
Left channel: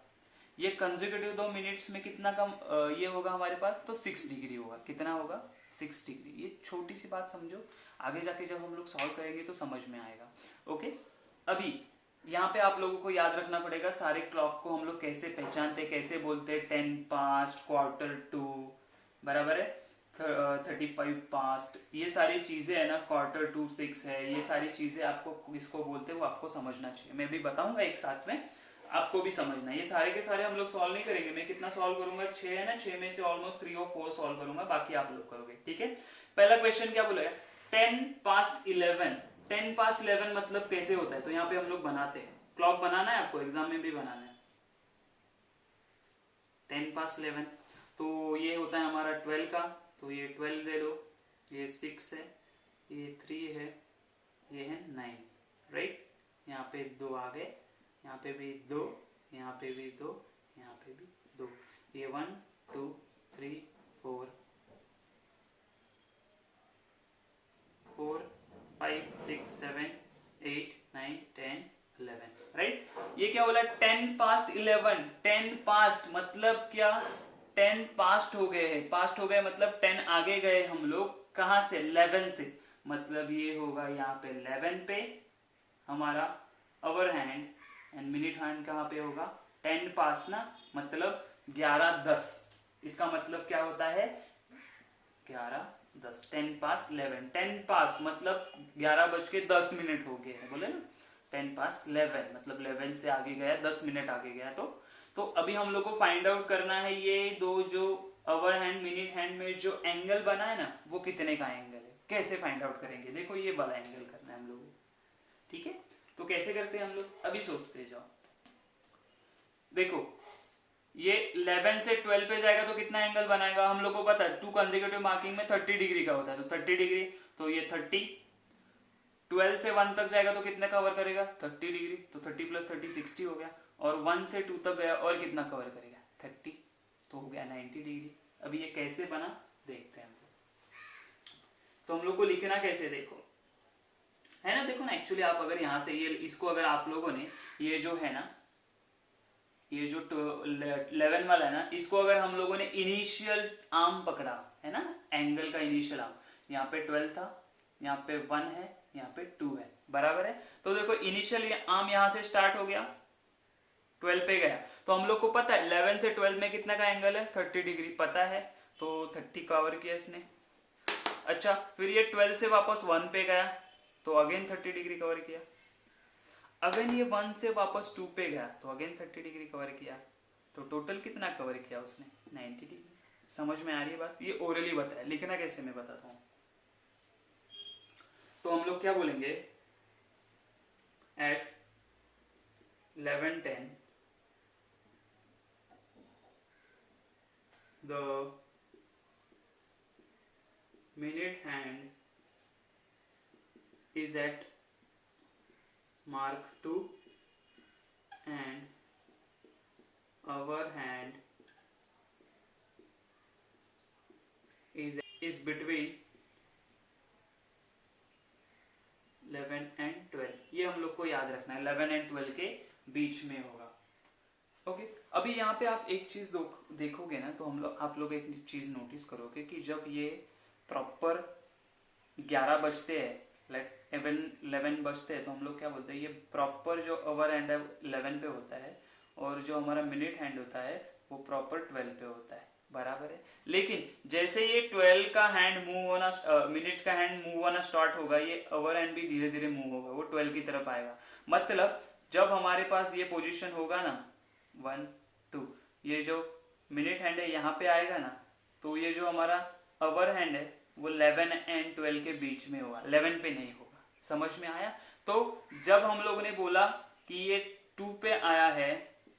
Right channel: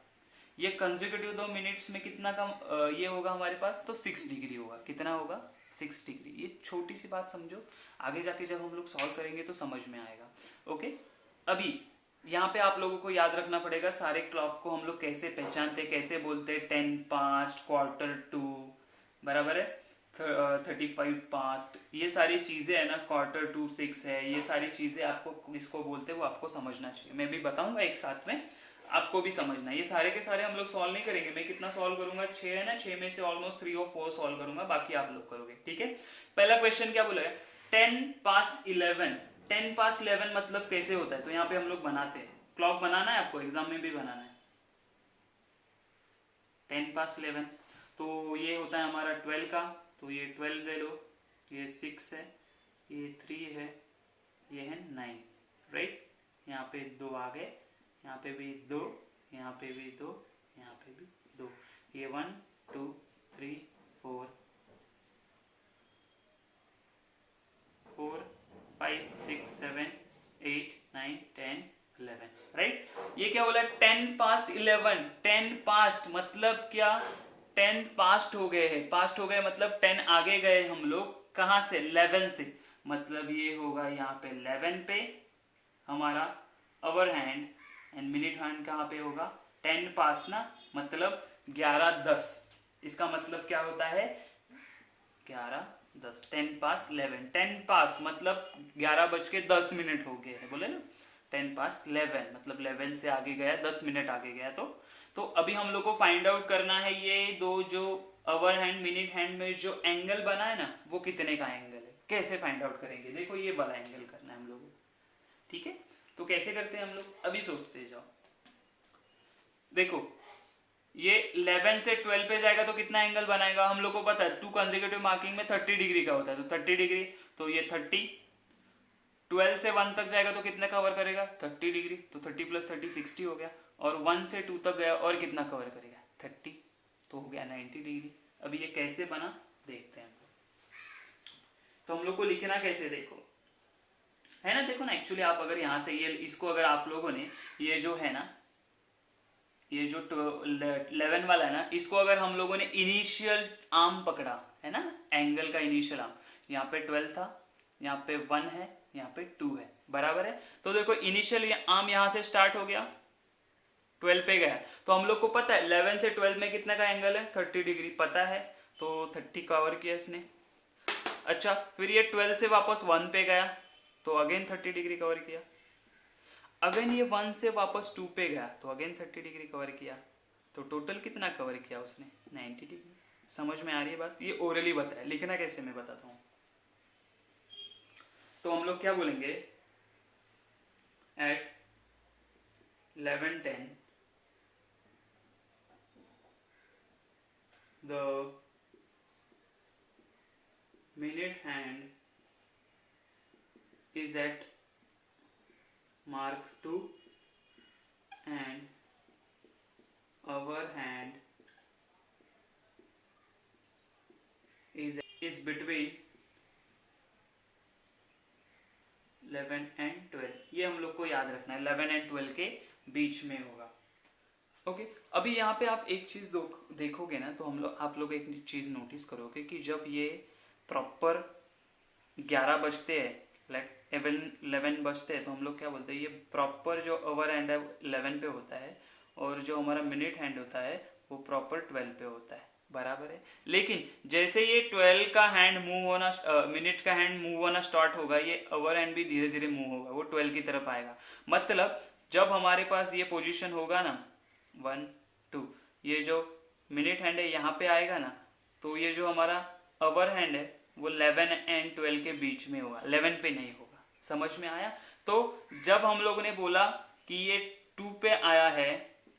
ये कंजिक्यूटिव 2 मिनट्स में कितना कम ये होगा हमारे पास, तो 6 डिग्री होगा। कितना होगा, 6 डिग्री। ये छोटी सी बात समझो, आगे जाके जब हम लोग सॉल्व करेंगे तो समझ में आएगा। ओके, अभी यहाँ पे आप लोगों को याद रखना पड़ेगा सारे क्लॉक को हम लोग कैसे पहचानते, कैसे बोलते, 10 पास्ट, क्वार्टर टू, बराबर है, 35 पास्ट, ये सारी चीजें है ना, क्वार्टर टू 6 है, ये सारी चीजें आपको इसको बोलते हैं, वो आपको समझना चाहिए। मैं भी बताऊंगा एक साथ में, आपको भी समझना। ये सारे के सारे हम लोग सॉल्व नहीं करेंगे, मैं कितना सॉल्व करूंगा, 6 है ना, 6 में से ऑलमोस्ट 3 और 4 सॉल्व करूंगा, बाकी आप लोग करोगे। ठीक है, पहला क्वेश्चन क्या बोला है, 10 पास्ट 11। 10 पास्ट 11 मतलब कैसे होता है, तो यहाँ पे हम लोग बनाते हैं, क्लॉक बनाना है आपको, एग्जाम में भी बनाना है। 10 पास्ट 11 तो ये होता है हमारा 12 का, तो ये 12 दे दो, ये 6 है, ये 3 है, ये है 9, राइट। यहाँ पे 2 आ गए, यहाँ पे भी 2, यहाँ पे भी 2, यहाँ पे भी 2, ये 1 2 3 4 5 6 7 8 9 10 11, राइट। ये क्या बोला, 10 पास्ट 11। 10 पास्ट मतलब क्या, 10 पास्ट हो गए हैं, पास्ट हो गए मतलब 10 आगे गए हम लोग, कहां से, 11 से। मतलब ये होगा यहाँ पे 11 पे हमारा अवर हैंड, एंड मिनट हैंड कहाँ पे होगा, 10 पास्ट ना, मतलब 11:10। इसका मतलब क्या होता है, 11:10, 10 पास्ट 11। 10 पास्ट मतलब 11:10 हो गए हैं, बोले ना, 10 पास्ट 11 मतलब 11 से आगे गया, 10 मिनट आगे गया। तो अभी हम लोग को फाइंड आउट करना है ये दो जो अवर हैंड मिनट हैंड में जो एंगल बना है ना, वो कितने का एंगल है। कैसे फाइंड आउट करेंगे, देखो ये वाला एंगल करना है हम लोगों को, ठीक है। तो कैसे करते हैं हम लोग, अभी सोचते जाओ। देखो ये 11 से 12 पे जाएगा तो कितना एंगल बनाएगा, हम लोग को पता है 2 कंसेक्यूटिव मार्किंग में 30 डिग्री का होता है, तो 30 डिग्री, तो ये 30। 12 से 1 तक जाएगा तो कितना कवर करेगा, 30 डिग्री, तो 30 + 30 60 हो गया। और 1 से 2 तक गया और कितना कवर करेगा, 30, तो हो गया 90 डिग्री। अभी ये कैसे बना देखते हैं। तो हम लोग को लिखना कैसे, देखो है ना, देखो ना, एक्चुअली आप अगर यहां से ये इसको अगर आप लोगों ने ये जो है ना, ये जो 11 वाला है ना, इसको अगर हम लोगों ने इनिशियल आर्म पकड़ा है ना, एंगल का इनिशियल आर्म, यहाँ पे 12 था, यहाँ पे 1 है, यहाँ पे 2 है, बराबर है। तो देखो इनिशियल आर्म यहाँ से स्टार्ट हो गया, 12 पे गया, तो हम लोग को पता है 11 से 12 में कितना का एंगल है, 30 डिग्री पता है, तो 30 कवर किया इसने। अच्छा, फिर ये 12 से वापस 1 पे गया, तो अगेन 30 डिग्री कवर किया। अगेन ये 1 से वापस 2 पे गया, तो अगेन 30 डिग्री कवर किया। तो टोटल कितना कवर किया उसने, 90 डिग्री। समझ में आ रही है बात, ये ओरली बताया, लिखना कैसे मैं बताता हूँ। तो हम लोग क्या बोलेंगे, at 11:10 the minute hand is at mark 2 and our hand is between 11 and 12। ये हम लोग को याद रखना है, 11 and 12 के बीच में होगा। ओके अभी यहाँ पे आप एक चीज देखोगे ना, तो आप लोग एक चीज नोटिस करोगे कि जब ये प्रॉपर 11 बजते हैं, लाइक 11 बजते हैं, तो हम लोग क्या बोलते हैं, ये प्रॉपर जो आवर हैंड है 11 पे होता है और जो हमारा मिनट हैंड होता है वो प्रॉपर 12 पे होता है, बराबर है। लेकिन जैसे ये 12 का हैंड मूव होना, मिनट का हैंड मूव होना स्टार्ट होगा, ये आवर हैंड भी धीरे धीरे मूव होगा, वो 12 की तरफ आएगा। मतलब जब हमारे पास ये पोजीशन होगा ना 1 2, ये जो मिनट हैंड है यहाँ पे आएगा ना, तो ये जो हमारा आवर हैंड है वो 11 एंड 12 के बीच में होगा, 11 पे नहीं होगा। समझ में आया? तो जब हम लोग ने बोला कि ये 2 पे आया है,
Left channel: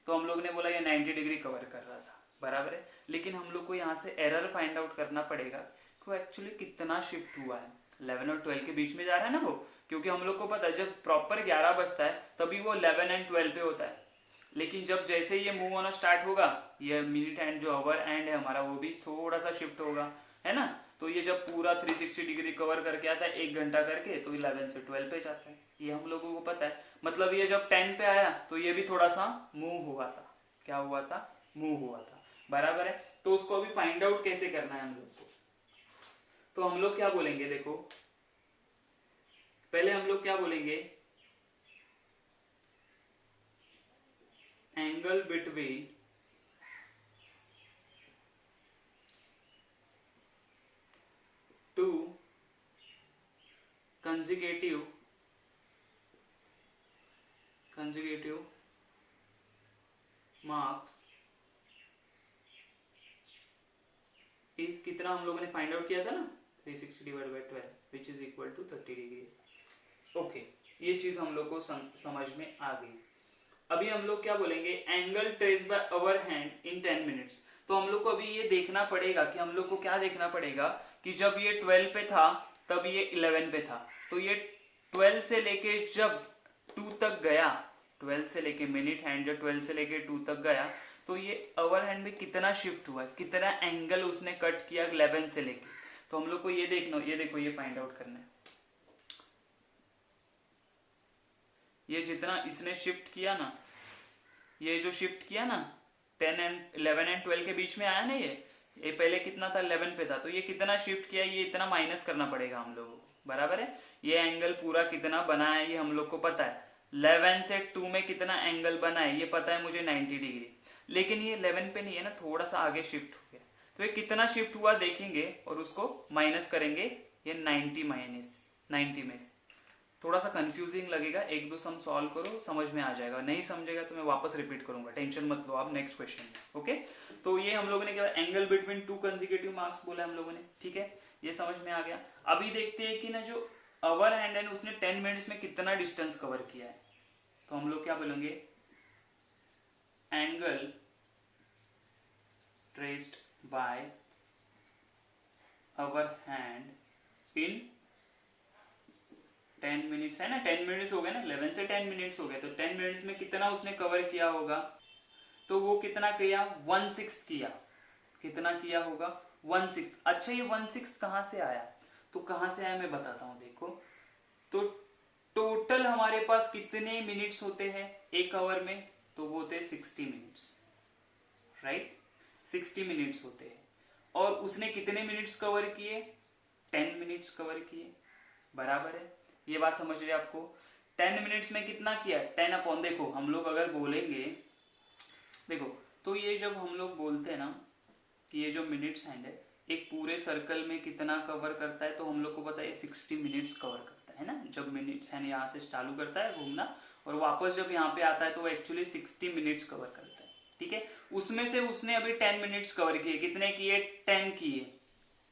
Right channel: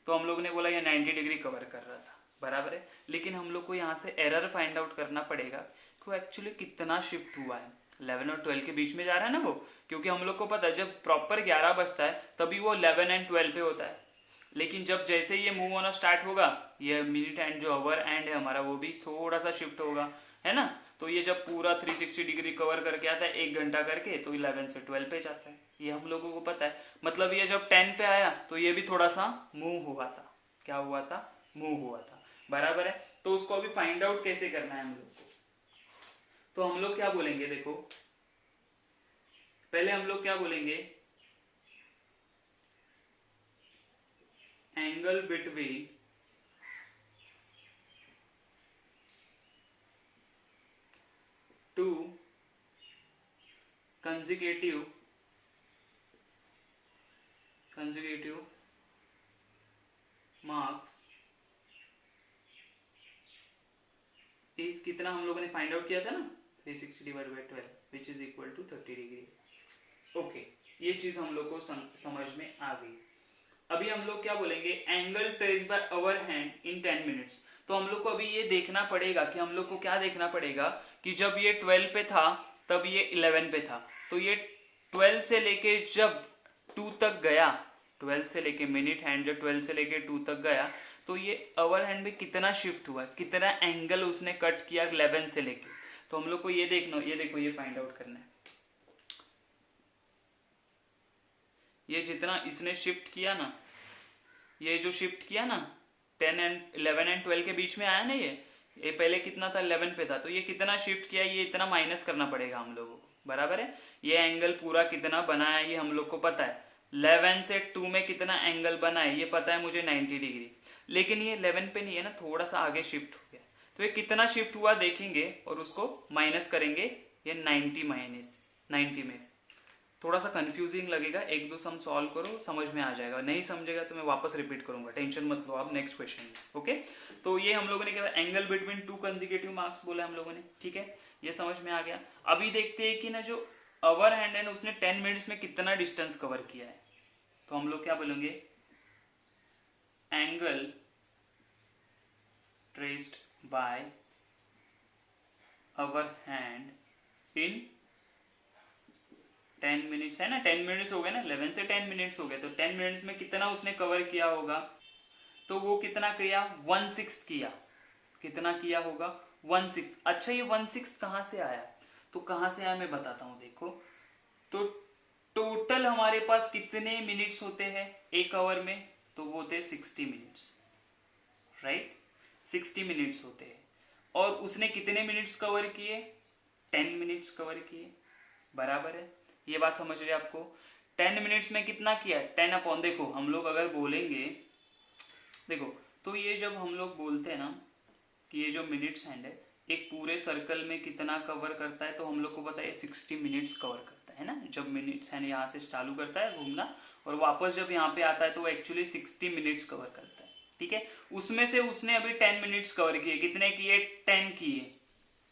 तो हम लोग ने बोला ये 90 डिग्री कवर कर रहा था, बराबर है। लेकिन हम लोग को यहाँ से एरर फाइंड आउट करना पड़ेगा कि एक्चुअली कितना शिफ्ट हुआ है, 11 और 12 के बीच में जा रहा है ना वो, क्योंकि हम लोग को पता है जब प्रॉपर 11 बजता है तभी वो 11 एंड 12 पे होता है। लेकिन जब जैसे ये मूव होना स्टार्ट होगा, ये मिनट एंड जो आवर एंड है हमारा वो भी थोड़ा सा शिफ्ट होगा, है ना। तो ये जब पूरा 360 डिग्री कवर करके आता है 1 घंटा करके, तो 11 से 12 पे जाता है, ये हम लोगों को पता है। मतलब ये जब 10 पे आया तो ये भी थोड़ा सा मूव हुआ था, क्या हुआ था, मूव हुआ था, बराबर है। तो उसको अभी फाइंड आउट कैसे करना है हम लोग को, तो हम लोग क्या बोलेंगे, देखो पहले हम लोग क्या बोलेंगे, angle between to consecutive marks is कितना हम लोगों ने फाइंड आउट किया था ना, 360 divide by 12 which is equal to 30 degree. Okay ये चीज हम लोग को समझ में आ गई। अभी हम लोग क्या बोलेंगे, angle traced by hour hand in 10 minutes. तो हम लोग को अभी ये देखना पड़ेगा कि हम लोग को क्या देखना पड़ेगा कि जब ये 12 पे था तब ये 11 पे था, तो ये 12 से लेके जब 2 तक गया, 12 से लेके मिनट हैंड जब 12 से लेके 2 तक गया, तो ये आवर हैंड में कितना शिफ्ट हुआ, कितना एंगल उसने कट किया 11 से लेके। तो हम लोग को ये देखना, ये देखो ये फाइंड आउट करना है, ये जितना इसने शिफ्ट किया ना, ये जो शिफ्ट किया ना 11 एंड 12 के बीच में आया ना, ये पहले कितना था, 11 पे था, तो ये कितना शिफ्ट किया, ये इतना माइनस करना पड़ेगा हम लोगों को, बराबर है। ये एंगल पूरा कितना बना है ये हम लोग को पता है, 11 से 2 में कितना एंगल बना है ये पता है मुझे, 90 डिग्री। लेकिन ये 11 पे नहीं है ना, थोड़ा सा आगे शिफ्ट हो गया, तो ये कितना शिफ्ट हुआ देखेंगे और उसको माइनस करेंगे, ये 90 माइनस 90 में से। थोड़ा सा कंफ्यूजिंग लगेगा, एक दो सम सॉल्व करो समझ में आ जाएगा, नहीं समझेगा तो मैं वापस रिपीट करूंगा, टेंशन मत लो आप नेक्स्ट क्वेश्चन में। ओके तो ये हम लोगों ने क्या, एंगल बिटवीन 2 कंसेक्यूटिव मार्क्स बोला हम लोगों ने, ठीक है ये समझ में आ गया। अभी देखते हैं कि ना जो आवर हैंड है उसने 10 मिनट्स में कितना डिस्टेंस कवर किया है, तो हम लोग क्या बोलेंगे, angle traced by hour hand in 10 minutes है ना, 10 मिनट्स हो गए ना, 11 से 10 मिनट्स हो गए, तो 10 मिनट्स में कितना उसने कवर किया होगा, तो वो कितना किया, 1/6 किया, कितना किया होगा 1/6। अच्छा ये 1/6 कहां से आया, तो कहां से आया मैं बताता हूं, देखो तो टोटल हमारे पास कितने मिनट्स होते हैं एक आवर में, तो वो होते 60 मिनट्स, राइट 60 मिनट्स होते हैं, और उसने कितने मिनट्स कवर किए, 10 मिनट्स कवर किए, बराबर है। ये बात समझ रहे आपको, 10 मिनट्स में कितना किया, 10 अपॉन, देखो हम लोग अगर बोलेंगे, देखो तो ये जब हम लोग बोलते हैं ना कि ये जो मिनट्स हैंड है एक पूरे सर्कल में कितना कवर करता है, तो हम लोग को पता है 60 मिनट्स कवर करता है ना, जब मिनट्स हैंड यहाँ से चालू करता है घूमना और वापस जब यहाँ पे आता है तो वो एक्चुअली 60 मिनट्स कवर करता है, ठीक है। उसमें से उसने अभी 10 मिनट्स कवर किए, कितने किए, 10 किए,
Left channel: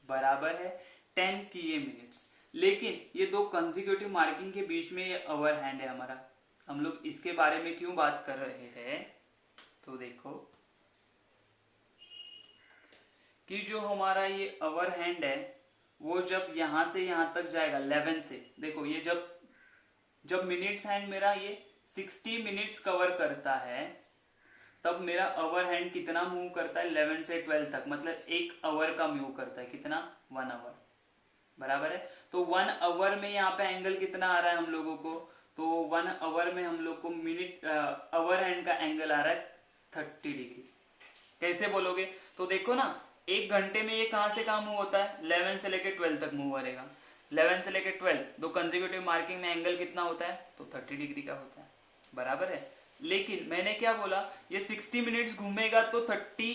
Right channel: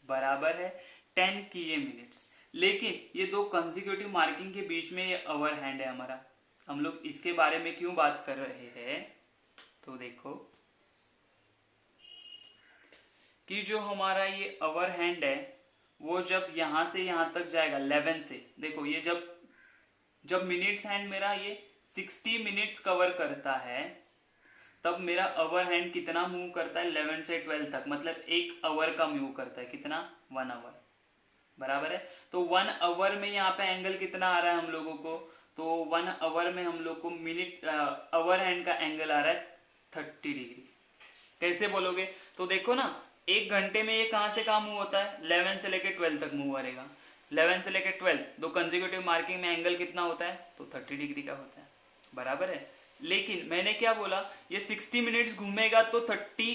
बराबर है 10 किए मिनट्स। लेकिन ये दो कंसेक्यूटिव मार्किंग के बीच में ये आवर हैंड है हमारा, हम लोग इसके बारे में क्यों बात कर रहे हैं, तो देखो कि जो हमारा ये अवर हैंड है वो जब यहां से यहां तक जाएगा 11 से, देखो ये जब जब मिनट्स हैंड मेरा ये 60 मिनट्स कवर करता है तब मेरा अवर हैंड कितना मूव करता है 11 से 12 तक, मतलब एक अवर का मूव करता है, कितना 1 आवर, बराबर है। तो 1 आवर में यहाँ पे एंगल कितना आ रहा है हम लोगों को, तो 1 आवर में हम लोग को मिनट अवर हैंड का एंगल आ रहा है 30 डिग्री। कैसे बोलोगे, तो देखो ना एक घंटे में ये कहां से कहां मूव होता है, 11 से लेकर 12 तक मूव करेगा, 11 से लेकर 12, दो कंसेक्यूटिव मार्किंग में एंगल कितना होता है, तो 30 डिग्री का होता है, बराबर है। लेकिन मैंने क्या बोला, ये 60 मिनट्स घूमेगा तो 30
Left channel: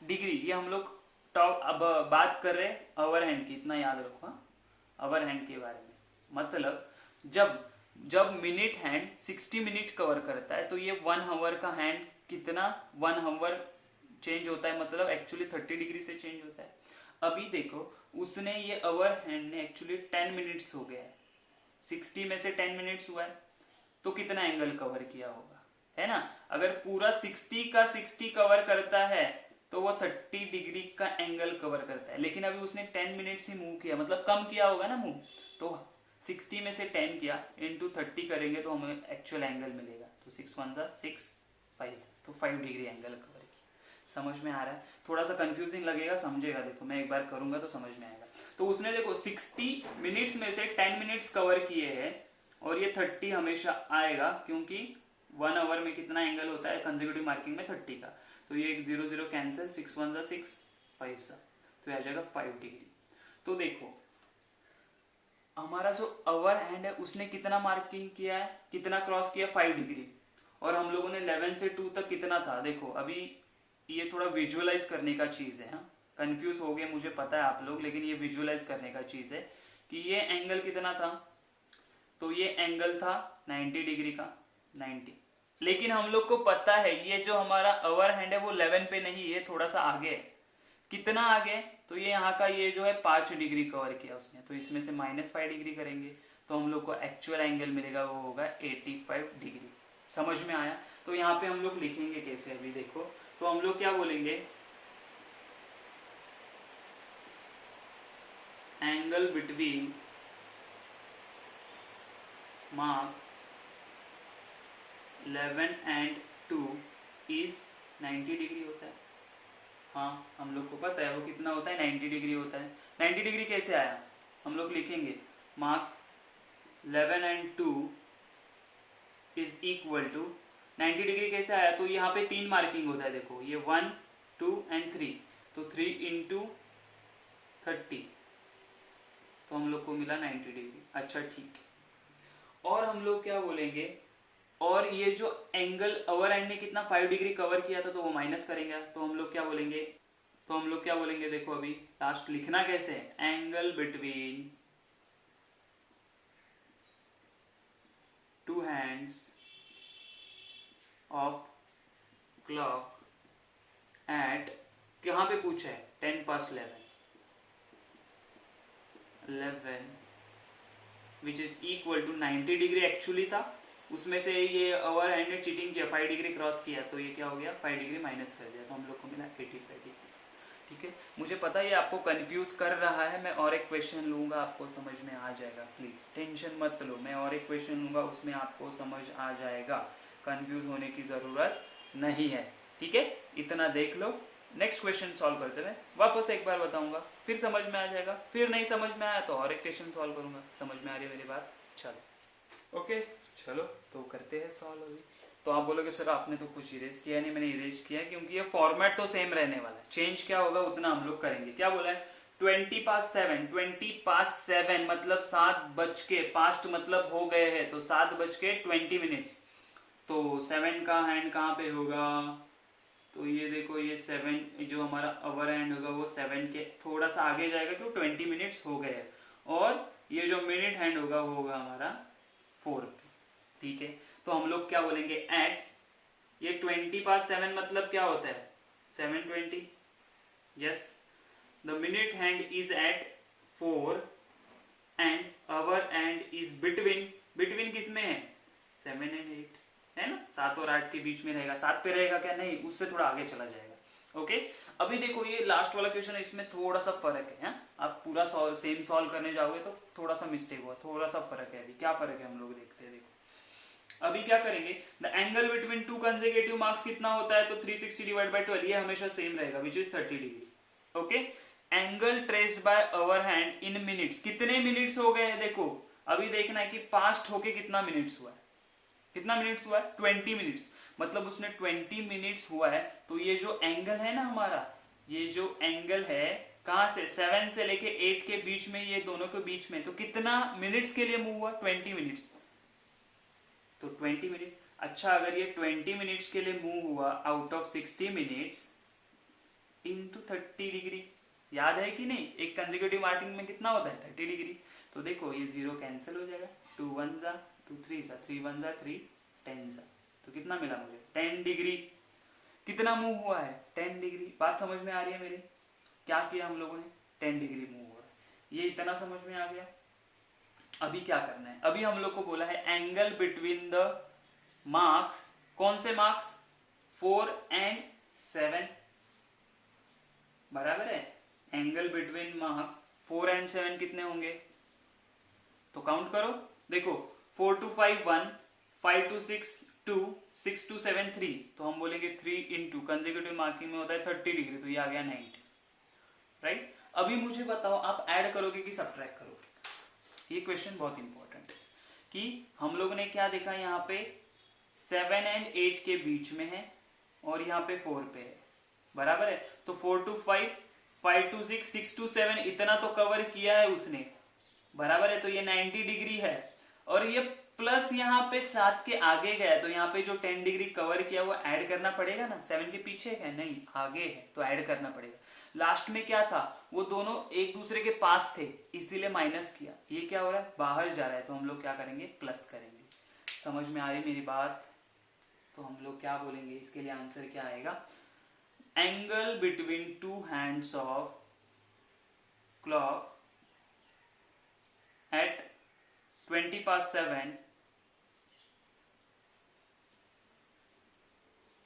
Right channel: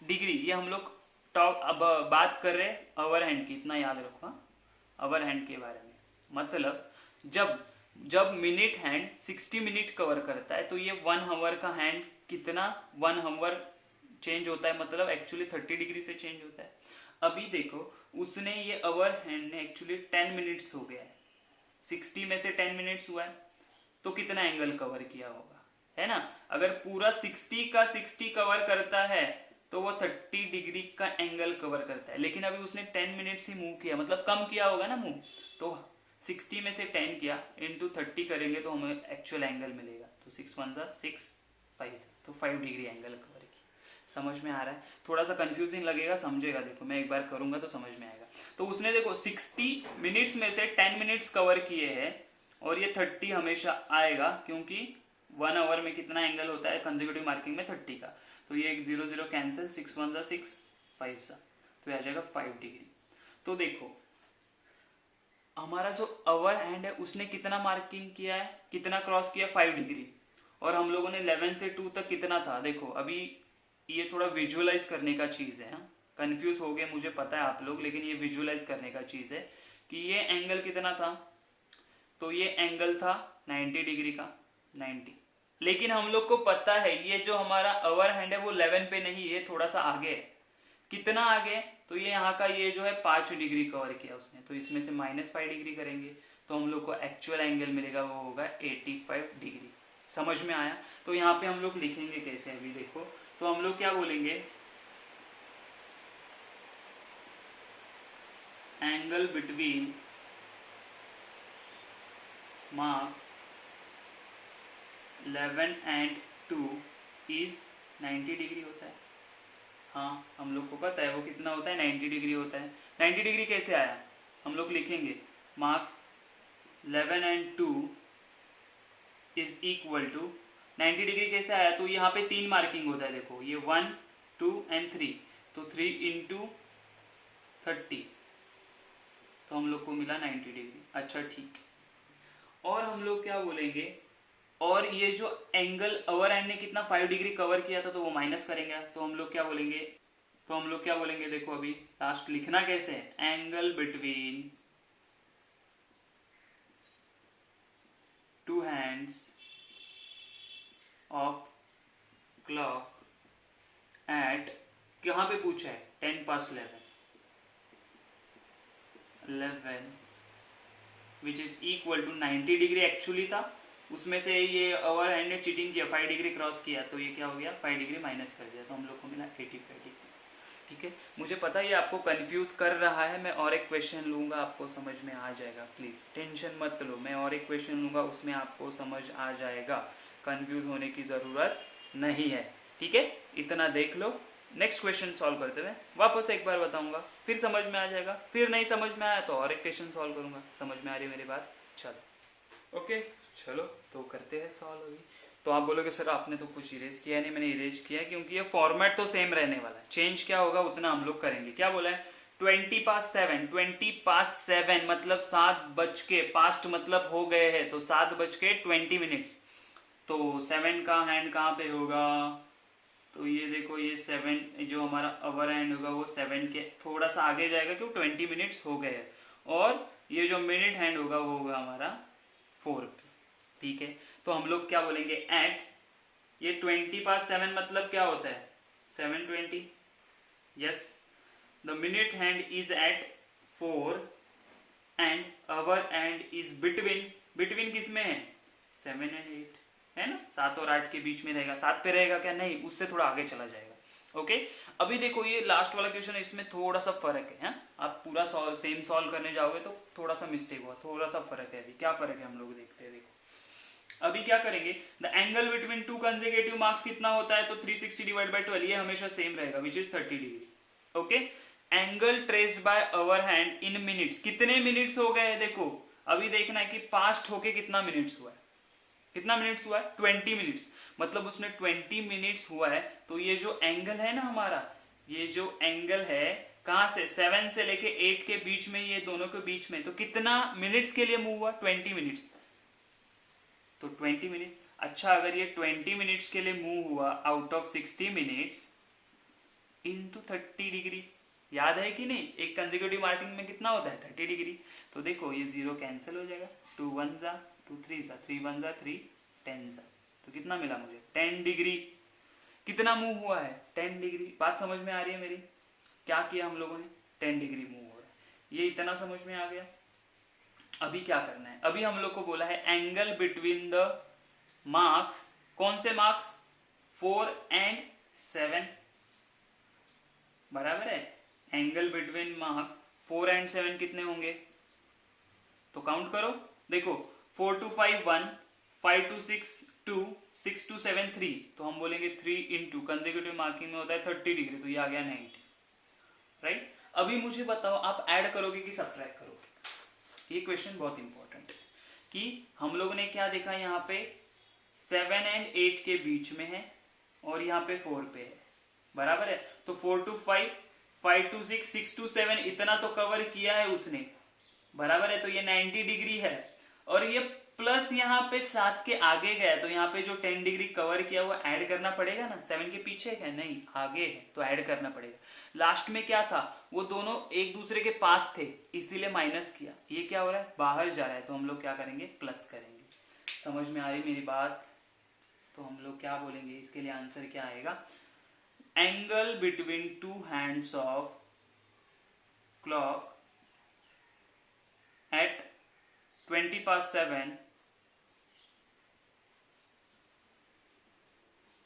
डिग्री, ये हम लोग टॉप अब बात कर रहे हैं अवर हैंड की, इतना याद रखो अवर हैंड के बारे में। मतलब जब जब मिनट हैंड 60 मिनट कवर करता है तो ये 1 आवर का हैंड कितना 1 आवर चेंज होता है, मतलब एक्चुअली 30 डिग्री से चेंज होता है। अभी देखो उसने ये अवर हैंड ने एक्चुअली 10 मिनट्स हो गया है, 60 में से 10 मिनट्स हुआ है तो कितना एंगल कवर किया होगा, है ना। अगर पूरा 60 का 60 कवर करता है तो वो 30 डिग्री का एंगल कवर करता है, लेकिन अभी उसने 10 मिनट्स ही मूव किया, मतलब कम किया होगा ना मूव, तो 60 में से 10 किया इंटू 30 करेंगे तो हमें एक्चुअल एंगल मिलेगा, तो 6 1 6 5, तो 5 डिग्री एंगल कवर किया। समझ में आ रहा है, थोड़ा सा कंफ्यूजिंग लगेगा, समझेगा, देखो मैं एक बार करूंगा तो समझ में आएगा। तो उसने देखो 60 मिनट्स में से 10 मिनट्स कवर किए हैं और ये 30 हमेशा आएगा, क्योंकि 1 आवर में कितना एंगल होता है कंसेक्यूटिव मार्किंग में 30 का, तो ये 0 0 कैंसिल, 6 1 6 5 सा, तो आ जाएगा 5 डिग्री। तो देखो हमारा जो अवर हैंड है उसने कितना मार्किंग किया है, कितना क्रॉस किया 5 डिग्री, और हम लोगों ने 11 से 2 तक कितना था, देखो अभी ये थोड़ा विजुअलाइज करने का चीज है, कंफ्यूज हो गए मुझे पता है आप लोग, लेकिन ये विजुअलाइज करने का चीज है कि ये एंगल कितना था, तो ये एंगल था 90 डिग्री का, 90, लेकिन हम लोग को पता है ये जो हमारा अवर हैंड है वो 11 पे नहीं, ये थोड़ा सा आगे है, कितना आगे, तो ये यहाँ का ये जो है 5 डिग्री कवर किया उसने, तो इसमें से -5 डिग्री करेंगे तो हम लोग को एक्चुअल एंगल मिलेगा, वो होगा 85 डिग्री। समझ में आया। तो यहाँ पे हम लोग लिखेंगे कैसे, अभी देखो, तो हम लोग क्या बोलेंगे, angle between mark 11 and 2 is 90 degree होता है। हाँ हम लोग को पता है वो कितना होता है, 90 डिग्री होता है। 90 डिग्री कैसे आया, हम लोग लिखेंगे mark 11 and 2 is equal to 90 degree कैसे आया, तो यहाँ पे 3 मार्किंग होता है, देखो ये 1 2 एंड 3, तो 3 इंटू 30, तो हम लोग को मिला 90 डिग्री। अच्छा ठीक, और हम लोग क्या बोलेंगे, और ये जो एंगल अवर एंड ने कितना 5 डिग्री कवर किया था तो वो माइनस करेंगे, तो हम लोग क्या बोलेंगे, देखो अभी लास्ट लिखना कैसे है, angle between two hands of clock eight, कहां पे पूछा है, 10 past 11 which is equal to 90 degree actually था, उसमें से ये ओवर हैंड ने चीटिंग किया, 5 डिग्री क्रॉस किया, तो ये क्या हो गया 5 डिग्री माइनस कर दिया, तो हम लोग को मिला 85 डिग्री। ठीक है, मुझे पता है ये आपको कंफ्यूज कर रहा है, मैं और एक क्वेश्चन लूंगा आपको समझ में आ जाएगा, प्लीज टेंशन मत लो, मैं और एक क्वेश्चन लूंगा उसमें आपको समझ आ जाएगा, कंफ्यूज होने की जरूरत नहीं है। ठीक है, इतना देख लो, नेक्स्ट क्वेश्चन सॉल्व करते हुए वापस एक बार बताऊंगा, फिर समझ में आ जाएगा, फिर नहीं समझ में आया तो और एक क्वेश्चन सॉल्व करूंगा। समझ में आ रही है मेरी बात, चलो ओके, चलो तो करते हैं सॉल्व अभी। तो आप बोलोगे सर आपने तो कुछ इरेज किया नहीं, मैंने इरेज किया क्योंकि ये फॉर्मेट तो सेम रहने वाला है, चेंज क्या होगा उतना हम लोग करेंगे। क्या बोला है, 20 past 7, 20 past 7 मतलब 7 बज के, पास्ट मतलब हो गए हैं, तो 7 बज के 20 मिनट्स, तो 7 का हैंड कहाँ पे होगा, तो ये देखो ये 7 जो हमारा अवर हैंड होगा वो 7 के थोड़ा सा आगे जाएगा क्यों 20 मिनट्स हो गए हैं, और ये जो मिनट हैंड होगा वो होगा हमारा 4 पे। ठीक है, तो हम लोग क्या बोलेंगे एट, ये 20 past 7 मतलब क्या होता है 7:20, yes, the minute hand is at 4 and hour hand is between, between किस में है 7 एंड 8 है ना, 7 और 8 के बीच में रहेगा। 7 पे रहेगा क्या, नहीं, उससे थोड़ा आगे चला जाएगा। ओके, अभी देखो ये लास्ट वाला क्वेश्चन है, इसमें थोड़ा सा फर्क है। आप पूरा सेम सॉल्व करने जाओगे तो थोड़ा सा मिस्टेक हुआ, थोड़ा सा फर्क है। अभी क्या फर्क है हम लोग देखते हैं। देखो अभी क्या करेंगे, the angle between two consecutive marks कितना होता है, तो 360 डिवाइड बाय 12, ये हमेशा सेम रहेगा, which is 30 degree. Okay, angle traced by our hand in minutes, कितने मिनट्स हो गए हैं देखो। अभी देखना है कि पास्ट होके कितना मिनट्स हुआ है, कितना मिनट्स हुआ है, 20 मिनट्स, मतलब उसने 20 मिनट्स हुआ है। तो ये जो एंगल है ना हमारा, ये जो एंगल है कहां से, 7 से लेके 8 के बीच में, ये दोनों के बीच में, तो कितना मिनट्स के लिए मूव हुआ, 20 मिनट्स, तो 20 मिनट्स। अच्छा, अगर ये 20 मिनट्स के लिए मूव हुआ out of 60 minutes into 30 degree, याद है कि नहीं, एक कंसेक्यूटिव मार्किंग में कितना होता है, 30 डिग्री। तो देखो ये 0 कैंसिल हो जाएगा, 2 1 जा 2 3 जा 3 1 जा 3 10 जा, तो कितना मिला मुझे, 10 डिग्री। कितना मूव हुआ है, 10 डिग्री। बात समझ में आ रही है मेरी, क्या किया हम लोगों ने, 10 डिग्री मूव हो रहा है, ये इतना समझ में आ गया। अभी क्या करना है, अभी हम लोग को बोला है एंगल बिटवीन द मार्क्स, कौन से मार्क्स, 4 एंड 7, बराबर है। एंगल बिटवीन मार्क्स 4 एंड 7 कितने होंगे, तो काउंट करो। देखो 4 to 5 1, 5 to 6 2, 6 to 7 3, तो हम बोलेंगे 3 इंटू कंसेक्यूटिव मार्किंग में होता है 30 डिग्री, तो ये आ गया 90, राइट। अभी मुझे बताओ आप ऐड करोगे कि सब्ट्रैक्ट करोगे, ये क्वेश्चन बहुत इंपॉर्टेंट है कि हम लोगों ने क्या देखा, यहाँ पे 7 एंड 8 के बीच में है और यहाँ पे 4 पे है, बराबर है। तो 4 to 5, 5 to 6, 6 to 7, इतना तो कवर किया है उसने, बराबर है। तो ये 90 डिग्री है, और ये प्लस यहाँ पे 7 के आगे गया, तो यहाँ पे जो 10 डिग्री कवर किया वो ऐड करना पड़ेगा ना, 7 के पीछे है नहीं, आगे है, तो ऐड करना पड़ेगा। लास्ट में क्या था, वो दोनों एक दूसरे के पास थे, इसीलिए माइनस किया। ये क्या हो रहा है, बाहर जा रहा है, तो हम लोग क्या करेंगे, प्लस करेंगे। समझ में आई मेरी बात, तो हम लोग क्या बोलेंगे, इसके लिए आंसर क्या आएगा, angle between two hands of clock at 20 past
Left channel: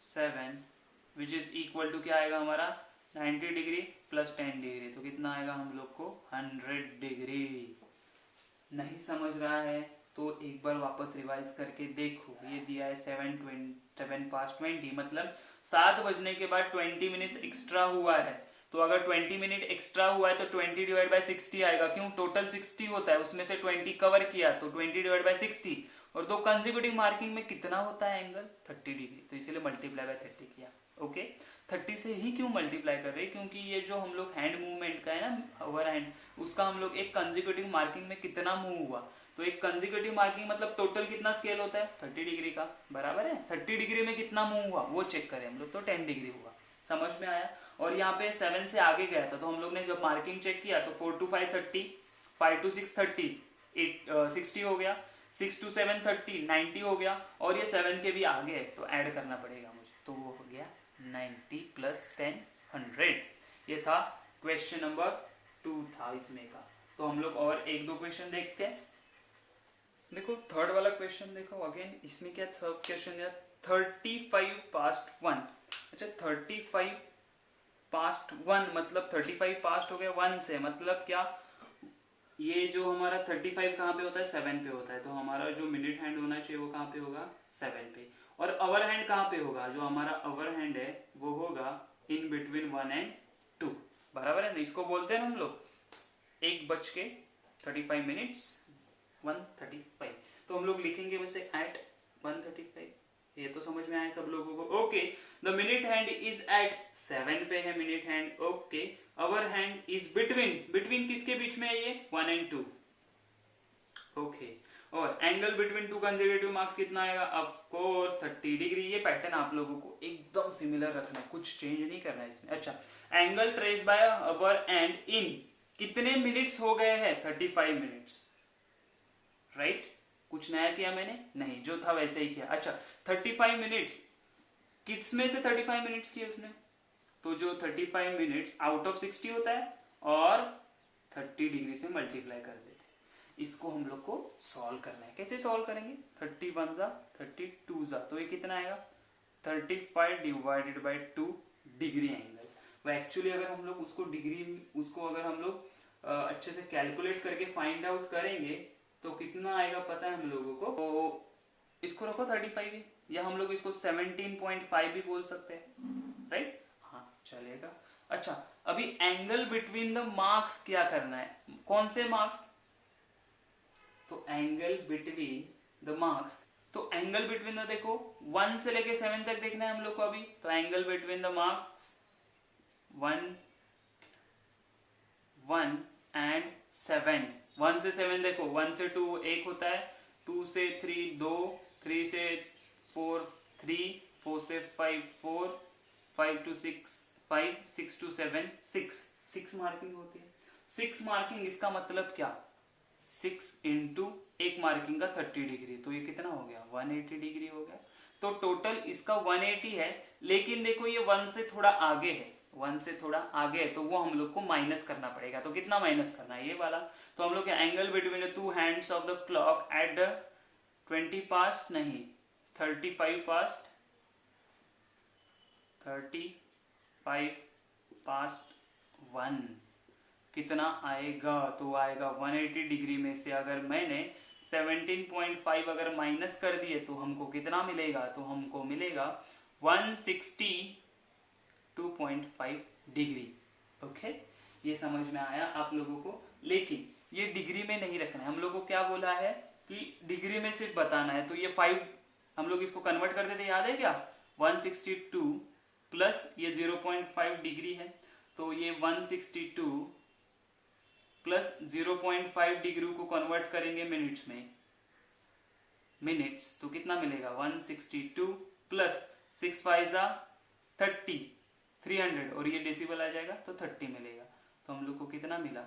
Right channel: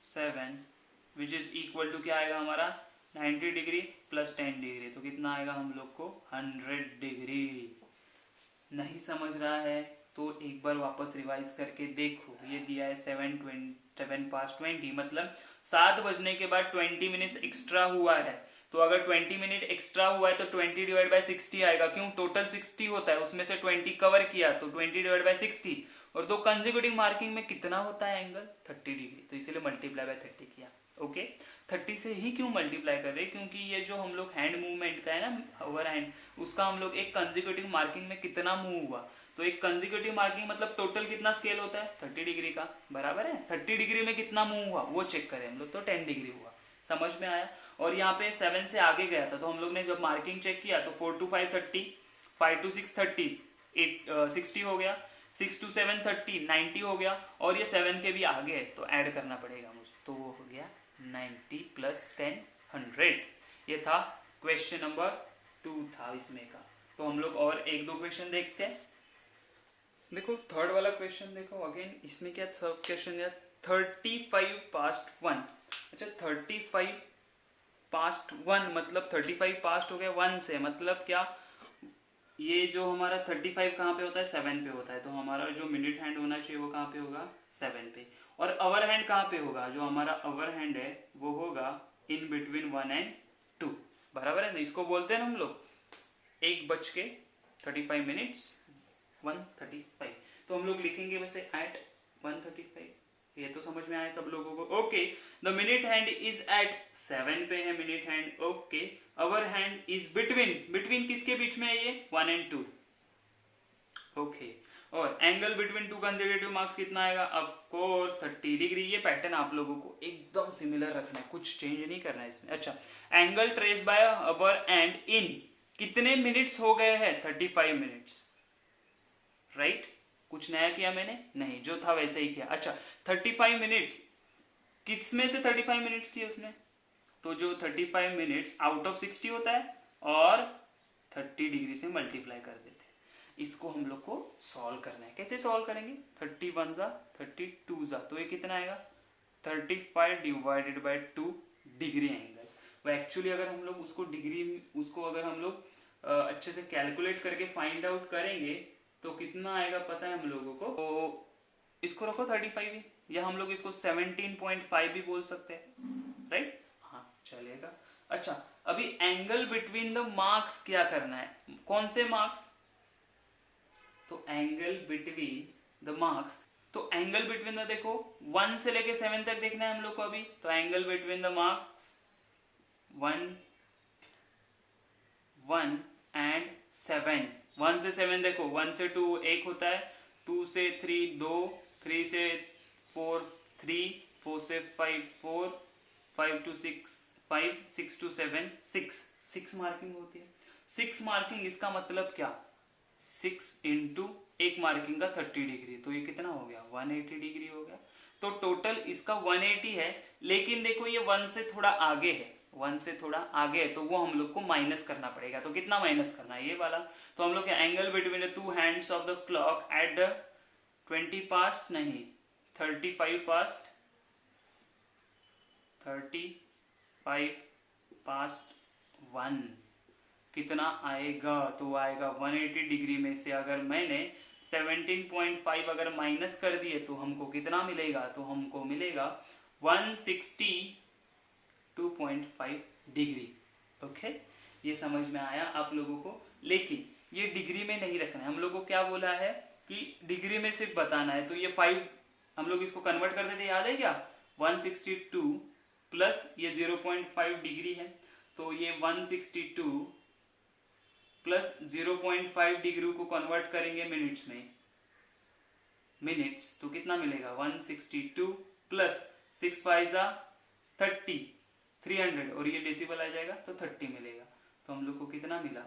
7 which is equal to क्या आएगा हमारा, 90 डिग्री प्लस 10 डिग्री, तो कितना आएगा हम लोग को, 100 डिग्री। नहीं समझ रहा है तो एक बार वापस रिवाइज करके देखो। ये दिया है 7 past 20, मतलब 7 बजने के बाद 20 मिनट्स एक्स्ट्रा हुआ है। तो अगर 20 मिनट एक्स्ट्रा हुआ है तो 20 डिवाइड बाय 60 आएगा, क्यों, टोटल 60 होता है, उसमें से 20 कवर किया, तो 20 डिवाइड बाय 60, और दो कंसेक्यूटिव मार्किंग में कितना होता है एंगल, 30 डिग्री, तो इसीलिए मल्टीप्लाई बाय 30 किया। ओके, 30 से ही क्यों मल्टीप्लाई कर रहे हैं, क्योंकि ये जो हम लोग हैंड मूवमेंट का है ना, ओवर हैंड, उसका हम लोग एक कंसेक्यूटिव मार्किंग में कितना मूव हुआ, तो एक कंसेक्यूटिव मार्किंग मतलब टोटल कितना स्केल होता है, 30 डिग्री का, बराबर है। 30 डिग्री में कितना मूव हुआ वो चेक करें हम लोग, तो 10 डिग्री हुआ। समझ में आया। और यहाँ पे 7 से आगे गया था, तो हम लोग ने जब मार्किंग चेक किया तो 4 to 5 30, 5 to 6 30, 60 हो गया, 6 to 7 30, 90 हो गया, और ये 7 के भी आगे है, तो ऐड करना पड़ेगा मुझे, तो वो हो गया 90 प्लस 10 100। ये था क्वेश्चन नंबर 2 था इसमें का। तो हम लोग और एक दो क्वेश्चन देखते हैं। देखो थर्ड वाला क्वेश्चन देखो अगेन, इसमें क्या थर्ड क्वेश्चन है, 35 past 1। अच्छा 35 past 1 मतलब 35 पास्ट हो गया 1 से, मतलब क्या, ये जो हमारा 35 कहाँ पे होता है, 7 पे होता है, तो हमारा जो मिनट हैंड होना चाहिए वो कहाँ पे होगा, 7 पे। और अवर हैंड कहाँ पे होगा, जो हमारा अवर हैंड है वो होगा इन बिटवीन 1 and 2, बराबर है। तो इसको बोलते हैं हम लोग 1:35 1:35, तो हम लोग लिखेंगे वैसे एट 1:35। ये तो समझ में आया सब लोगों को। Okay, the minute hand is at 7 पे है minute hand. Okay, hour hand is between किसके बीच में है ये, 1 and 2। ओके, और angle between two consecutive marks कितना आएगा, ऑफ कोर्स 30 डिग्री। ये पैटर्न आप लोगों को एकदम सिमिलर रखना है, कुछ चेंज नहीं करना है इसमें। अच्छा, angle traced by our and in कितने मिनट्स हो गए हैं, 35 मिनट्स, राइट। कुछ नया किया मैंने नहीं, जो था वैसे ही किया। अच्छा 35 मिनट्स, किस में से 35 मिनट्स किए उसने, तो जो 35 मिनट्स आउट ऑफ 60 होता है और 30 डिग्री से मल्टीप्लाई कर देते। इसको हम लोग को सॉल्व करना है। कैसे सॉल्व करेंगे? 31 जा 32 जा, तो ये कितना आएगा 35 डिवाइडेड बाय 2 डिग्री एंगल। वो एक्चुअली अगर हम लोग उसको अगर हम लोग अच्छे से कैलकुलेट करके फाइंड आउट करेंगे तो कितना आएगा पता है हम लोगों को? तो इसको रखो 35 ही, या हम लोग इसको 17.5 भी बोल सकते हैं, राइट? हाँ चलेगा। अच्छा, अभी एंगल बिटवीन द मार्क्स क्या करना है? कौन से मार्क्स? तो एंगल बिटवीन द मार्क्स, तो एंगल बिटवीन द देखो 1 से लेके 7 तक देखना है हम लोग को अभी। तो angle between the marks 1 and 7, 1 से 7 देखो, 1 से 2 1 होता है, 2 से 3 2, 3 से 4 3, 4 से 5 4, 5 to 6 5, 6 to 7 6 मार्किंग होती है। 6 मार्किंग, इसका मतलब क्या? 6 इंटू एक मार्किंग का 30 डिग्री, तो ये कितना हो गया 180 डिग्री हो गया। तो टोटल इसका 180 है, लेकिन देखो ये 1 से थोड़ा आगे है, 1 से थोड़ा आगे है, तो वो हम लोग को माइनस करना पड़ेगा। तो कितना माइनस करना है? ये वाला। तो हम लोग angle between the 2 hands of the clock at the 20 past नहीं 35 पास्ट 35 पास्ट 1 कितना आएगा? तो आएगा 180 डिग्री में से अगर मैंने 17.5 अगर माइनस कर दिए तो हमको कितना मिलेगा? तो हमको मिलेगा 162.5 डिग्री। ओके, ये समझ में आया आप लोगों को? लेकिन ये डिग्री में नहीं रखना है, हम लोग को क्या बोला है कि डिग्री में सिर्फ बताना है। तो ये 5 हम लोग इसको कन्वर्ट कर देते, याद है क्या? 162 प्लस ये 0.5 डिग्री है, तो ये 162 प्लस 0.5 डिग्री को कन्वर्ट करेंगे मिनट्स में, मिनट्स, तो कितना मिलेगा 162 प्लस 6 5 30, 300, और ये डेसिबल आ जाएगा तो 30 मिलेगा। तो हम लोग को कितना मिला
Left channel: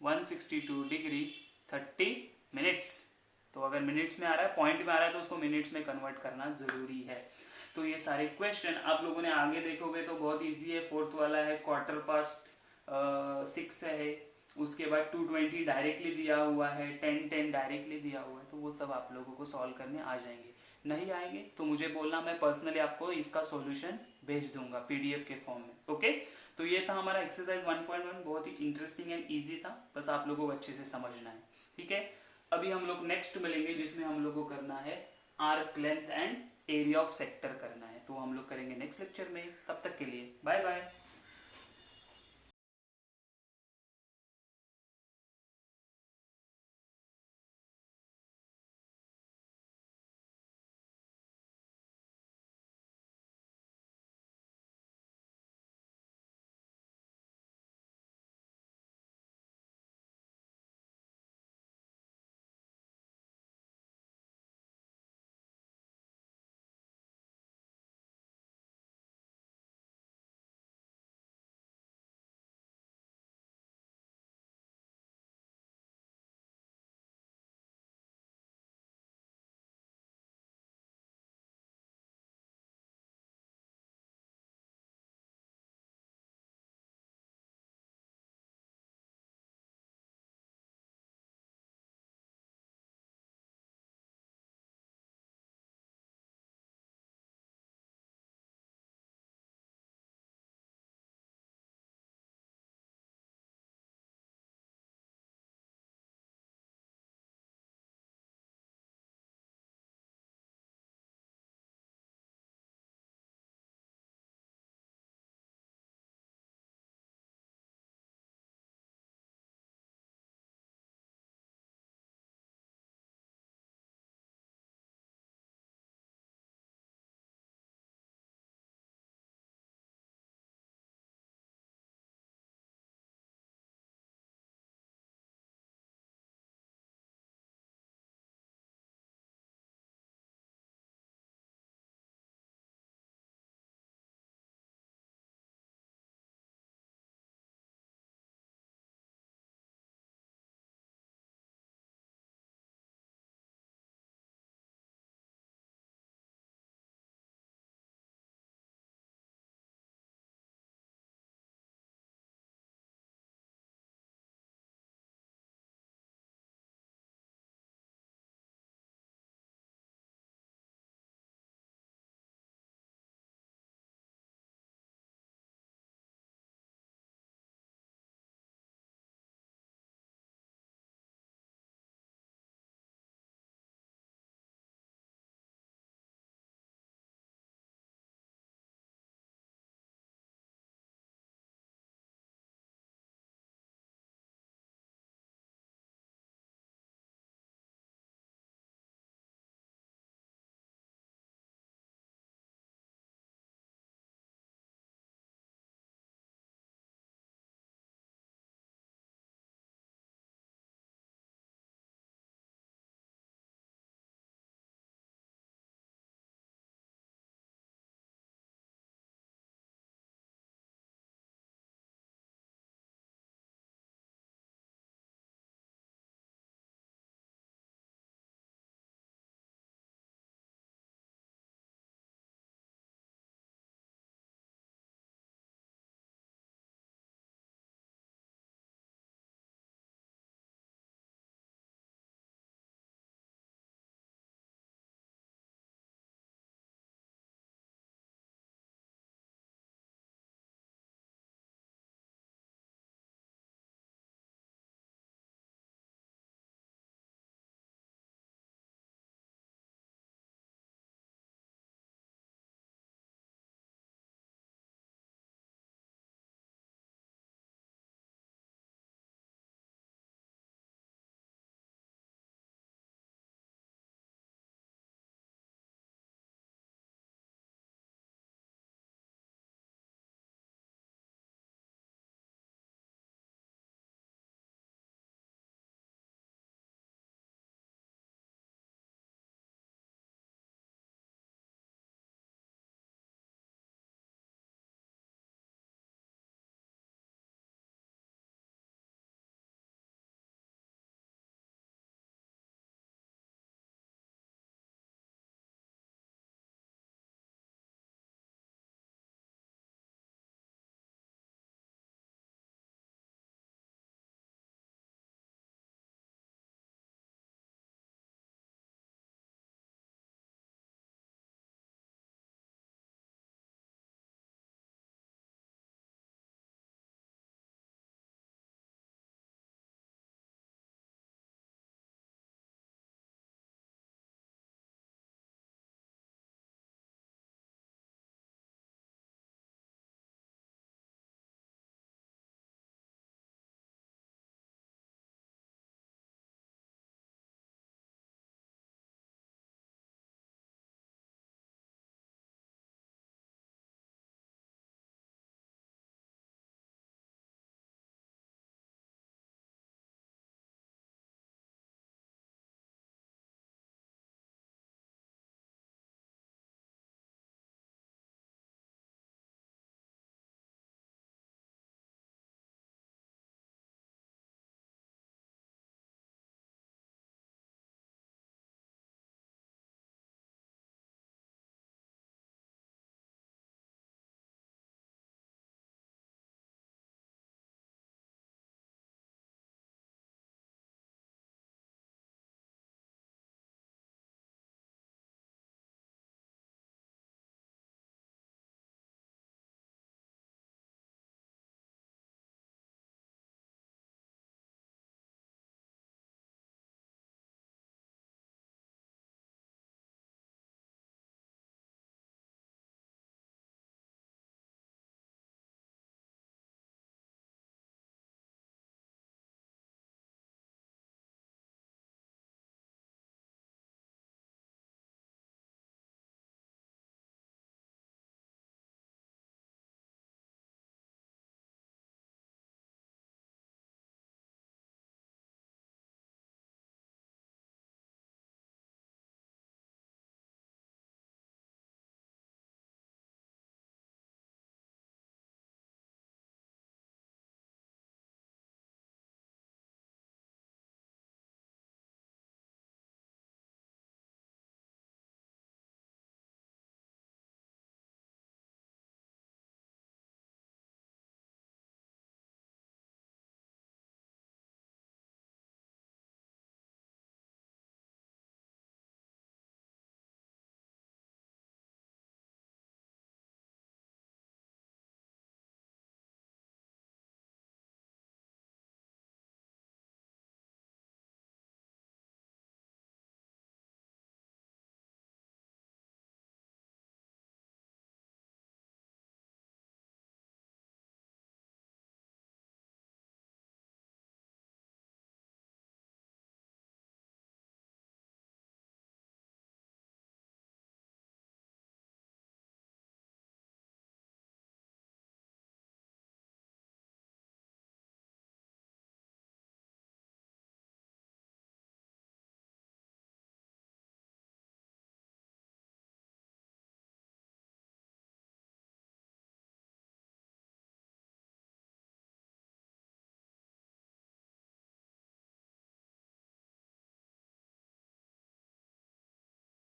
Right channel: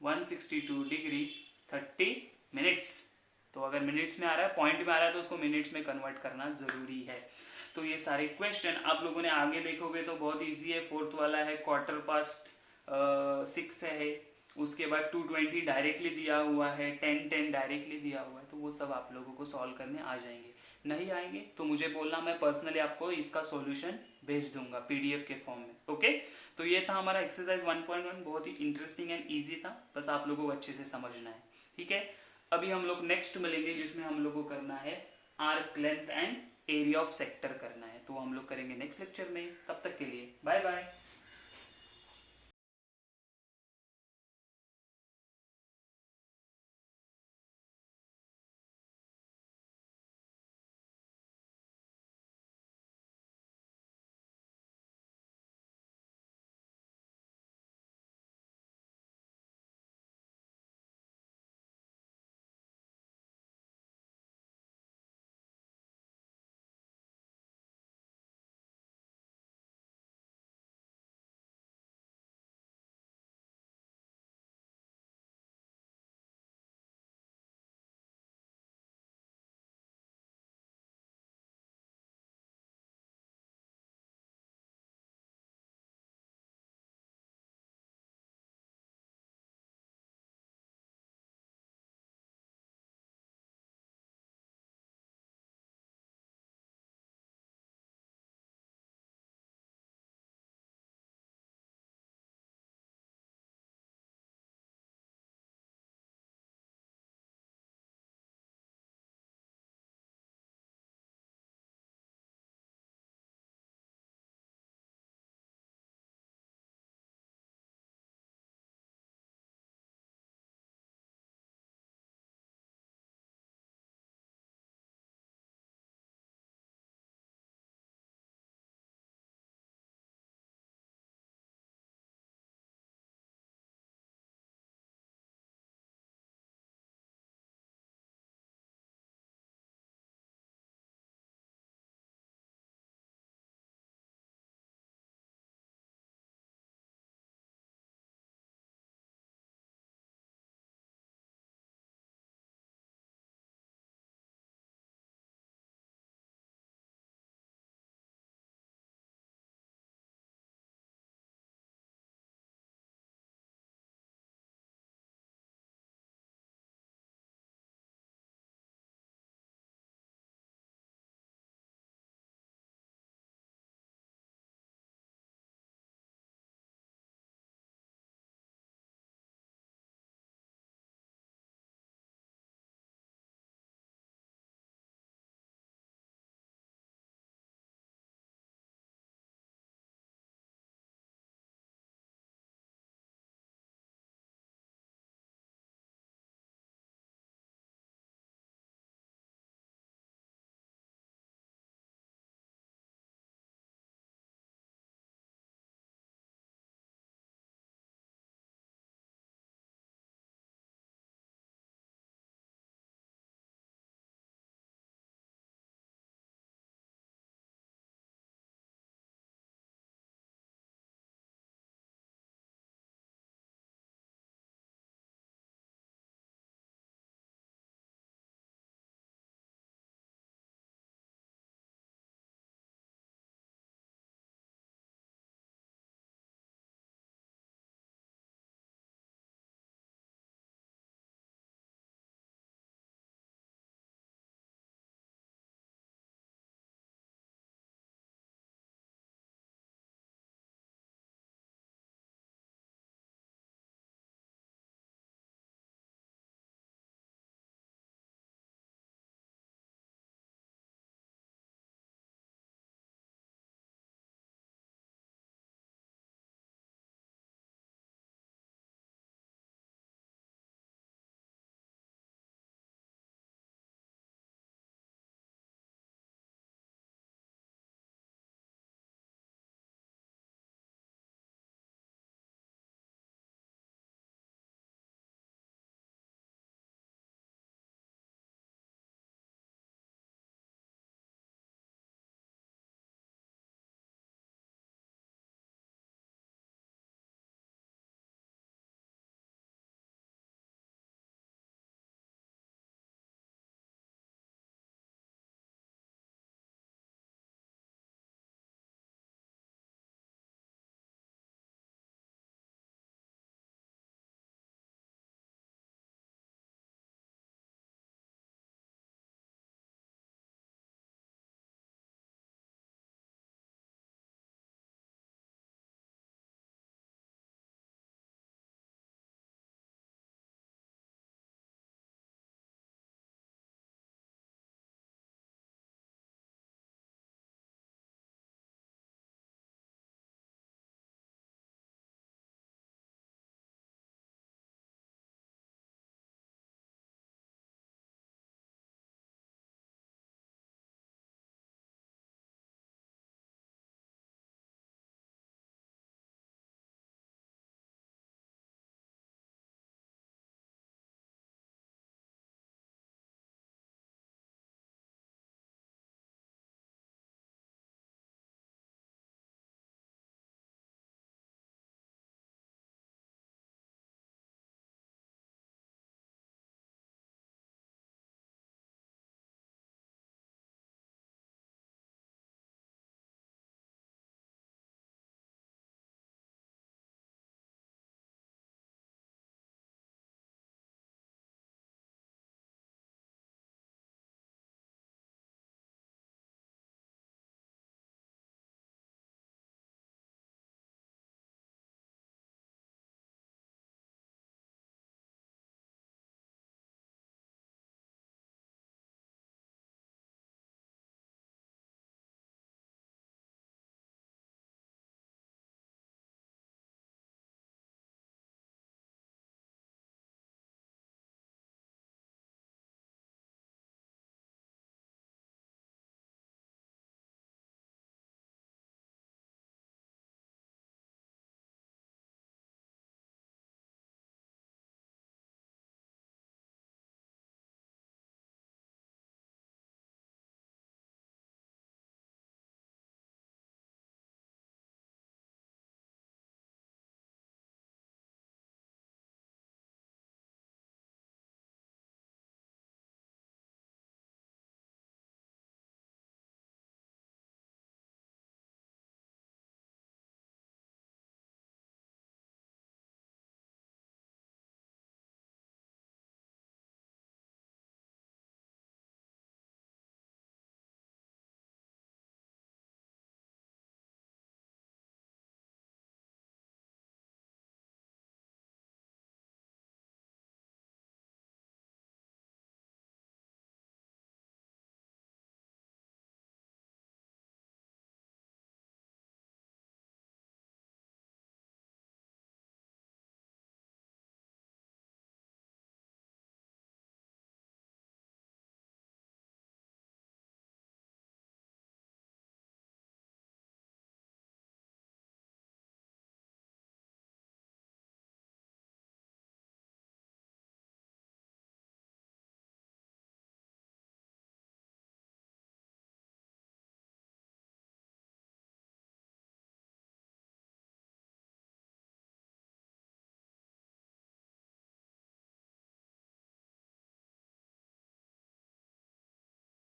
162 डिग्री 30 मिनट्स। तो अगर मिनट्स में आ रहा है, पॉइंट में आ रहा है, तो उसको मिनट्स में कन्वर्ट करना जरूरी है। तो ये सारे क्वेश्चन आप लोगों ने आगे देखोगे तो बहुत इजी है। 4th वाला है क्वार्टर पास्ट 6 है, उसके बाद 220 डायरेक्टली दिया हुआ है, 10 डायरेक्टली दिया हुआ है, तो वो सब आप लोगों को सॉल्व करने आ जाएंगे। नहीं आएंगे तो मुझे बोलना, मैं पर्सनली आपको इसका सॉल्यूशन भेज दूंगा पीडीएफ के फॉर्म में। ओके, तो ये था हमारा एक्सरसाइज 1.1, बहुत ही इंटरेस्टिंग एंड इजी था, बस आप लोगों को अच्छे से समझना है। ठीक है, अभी हम लोग नेक्स्ट मिलेंगे जिसमें हम लोग को करना है arc length and area of sector करना है, तो हम लोग करेंगे नेक्स्ट लेक्चर में। तब तक के लिए बाय बाय।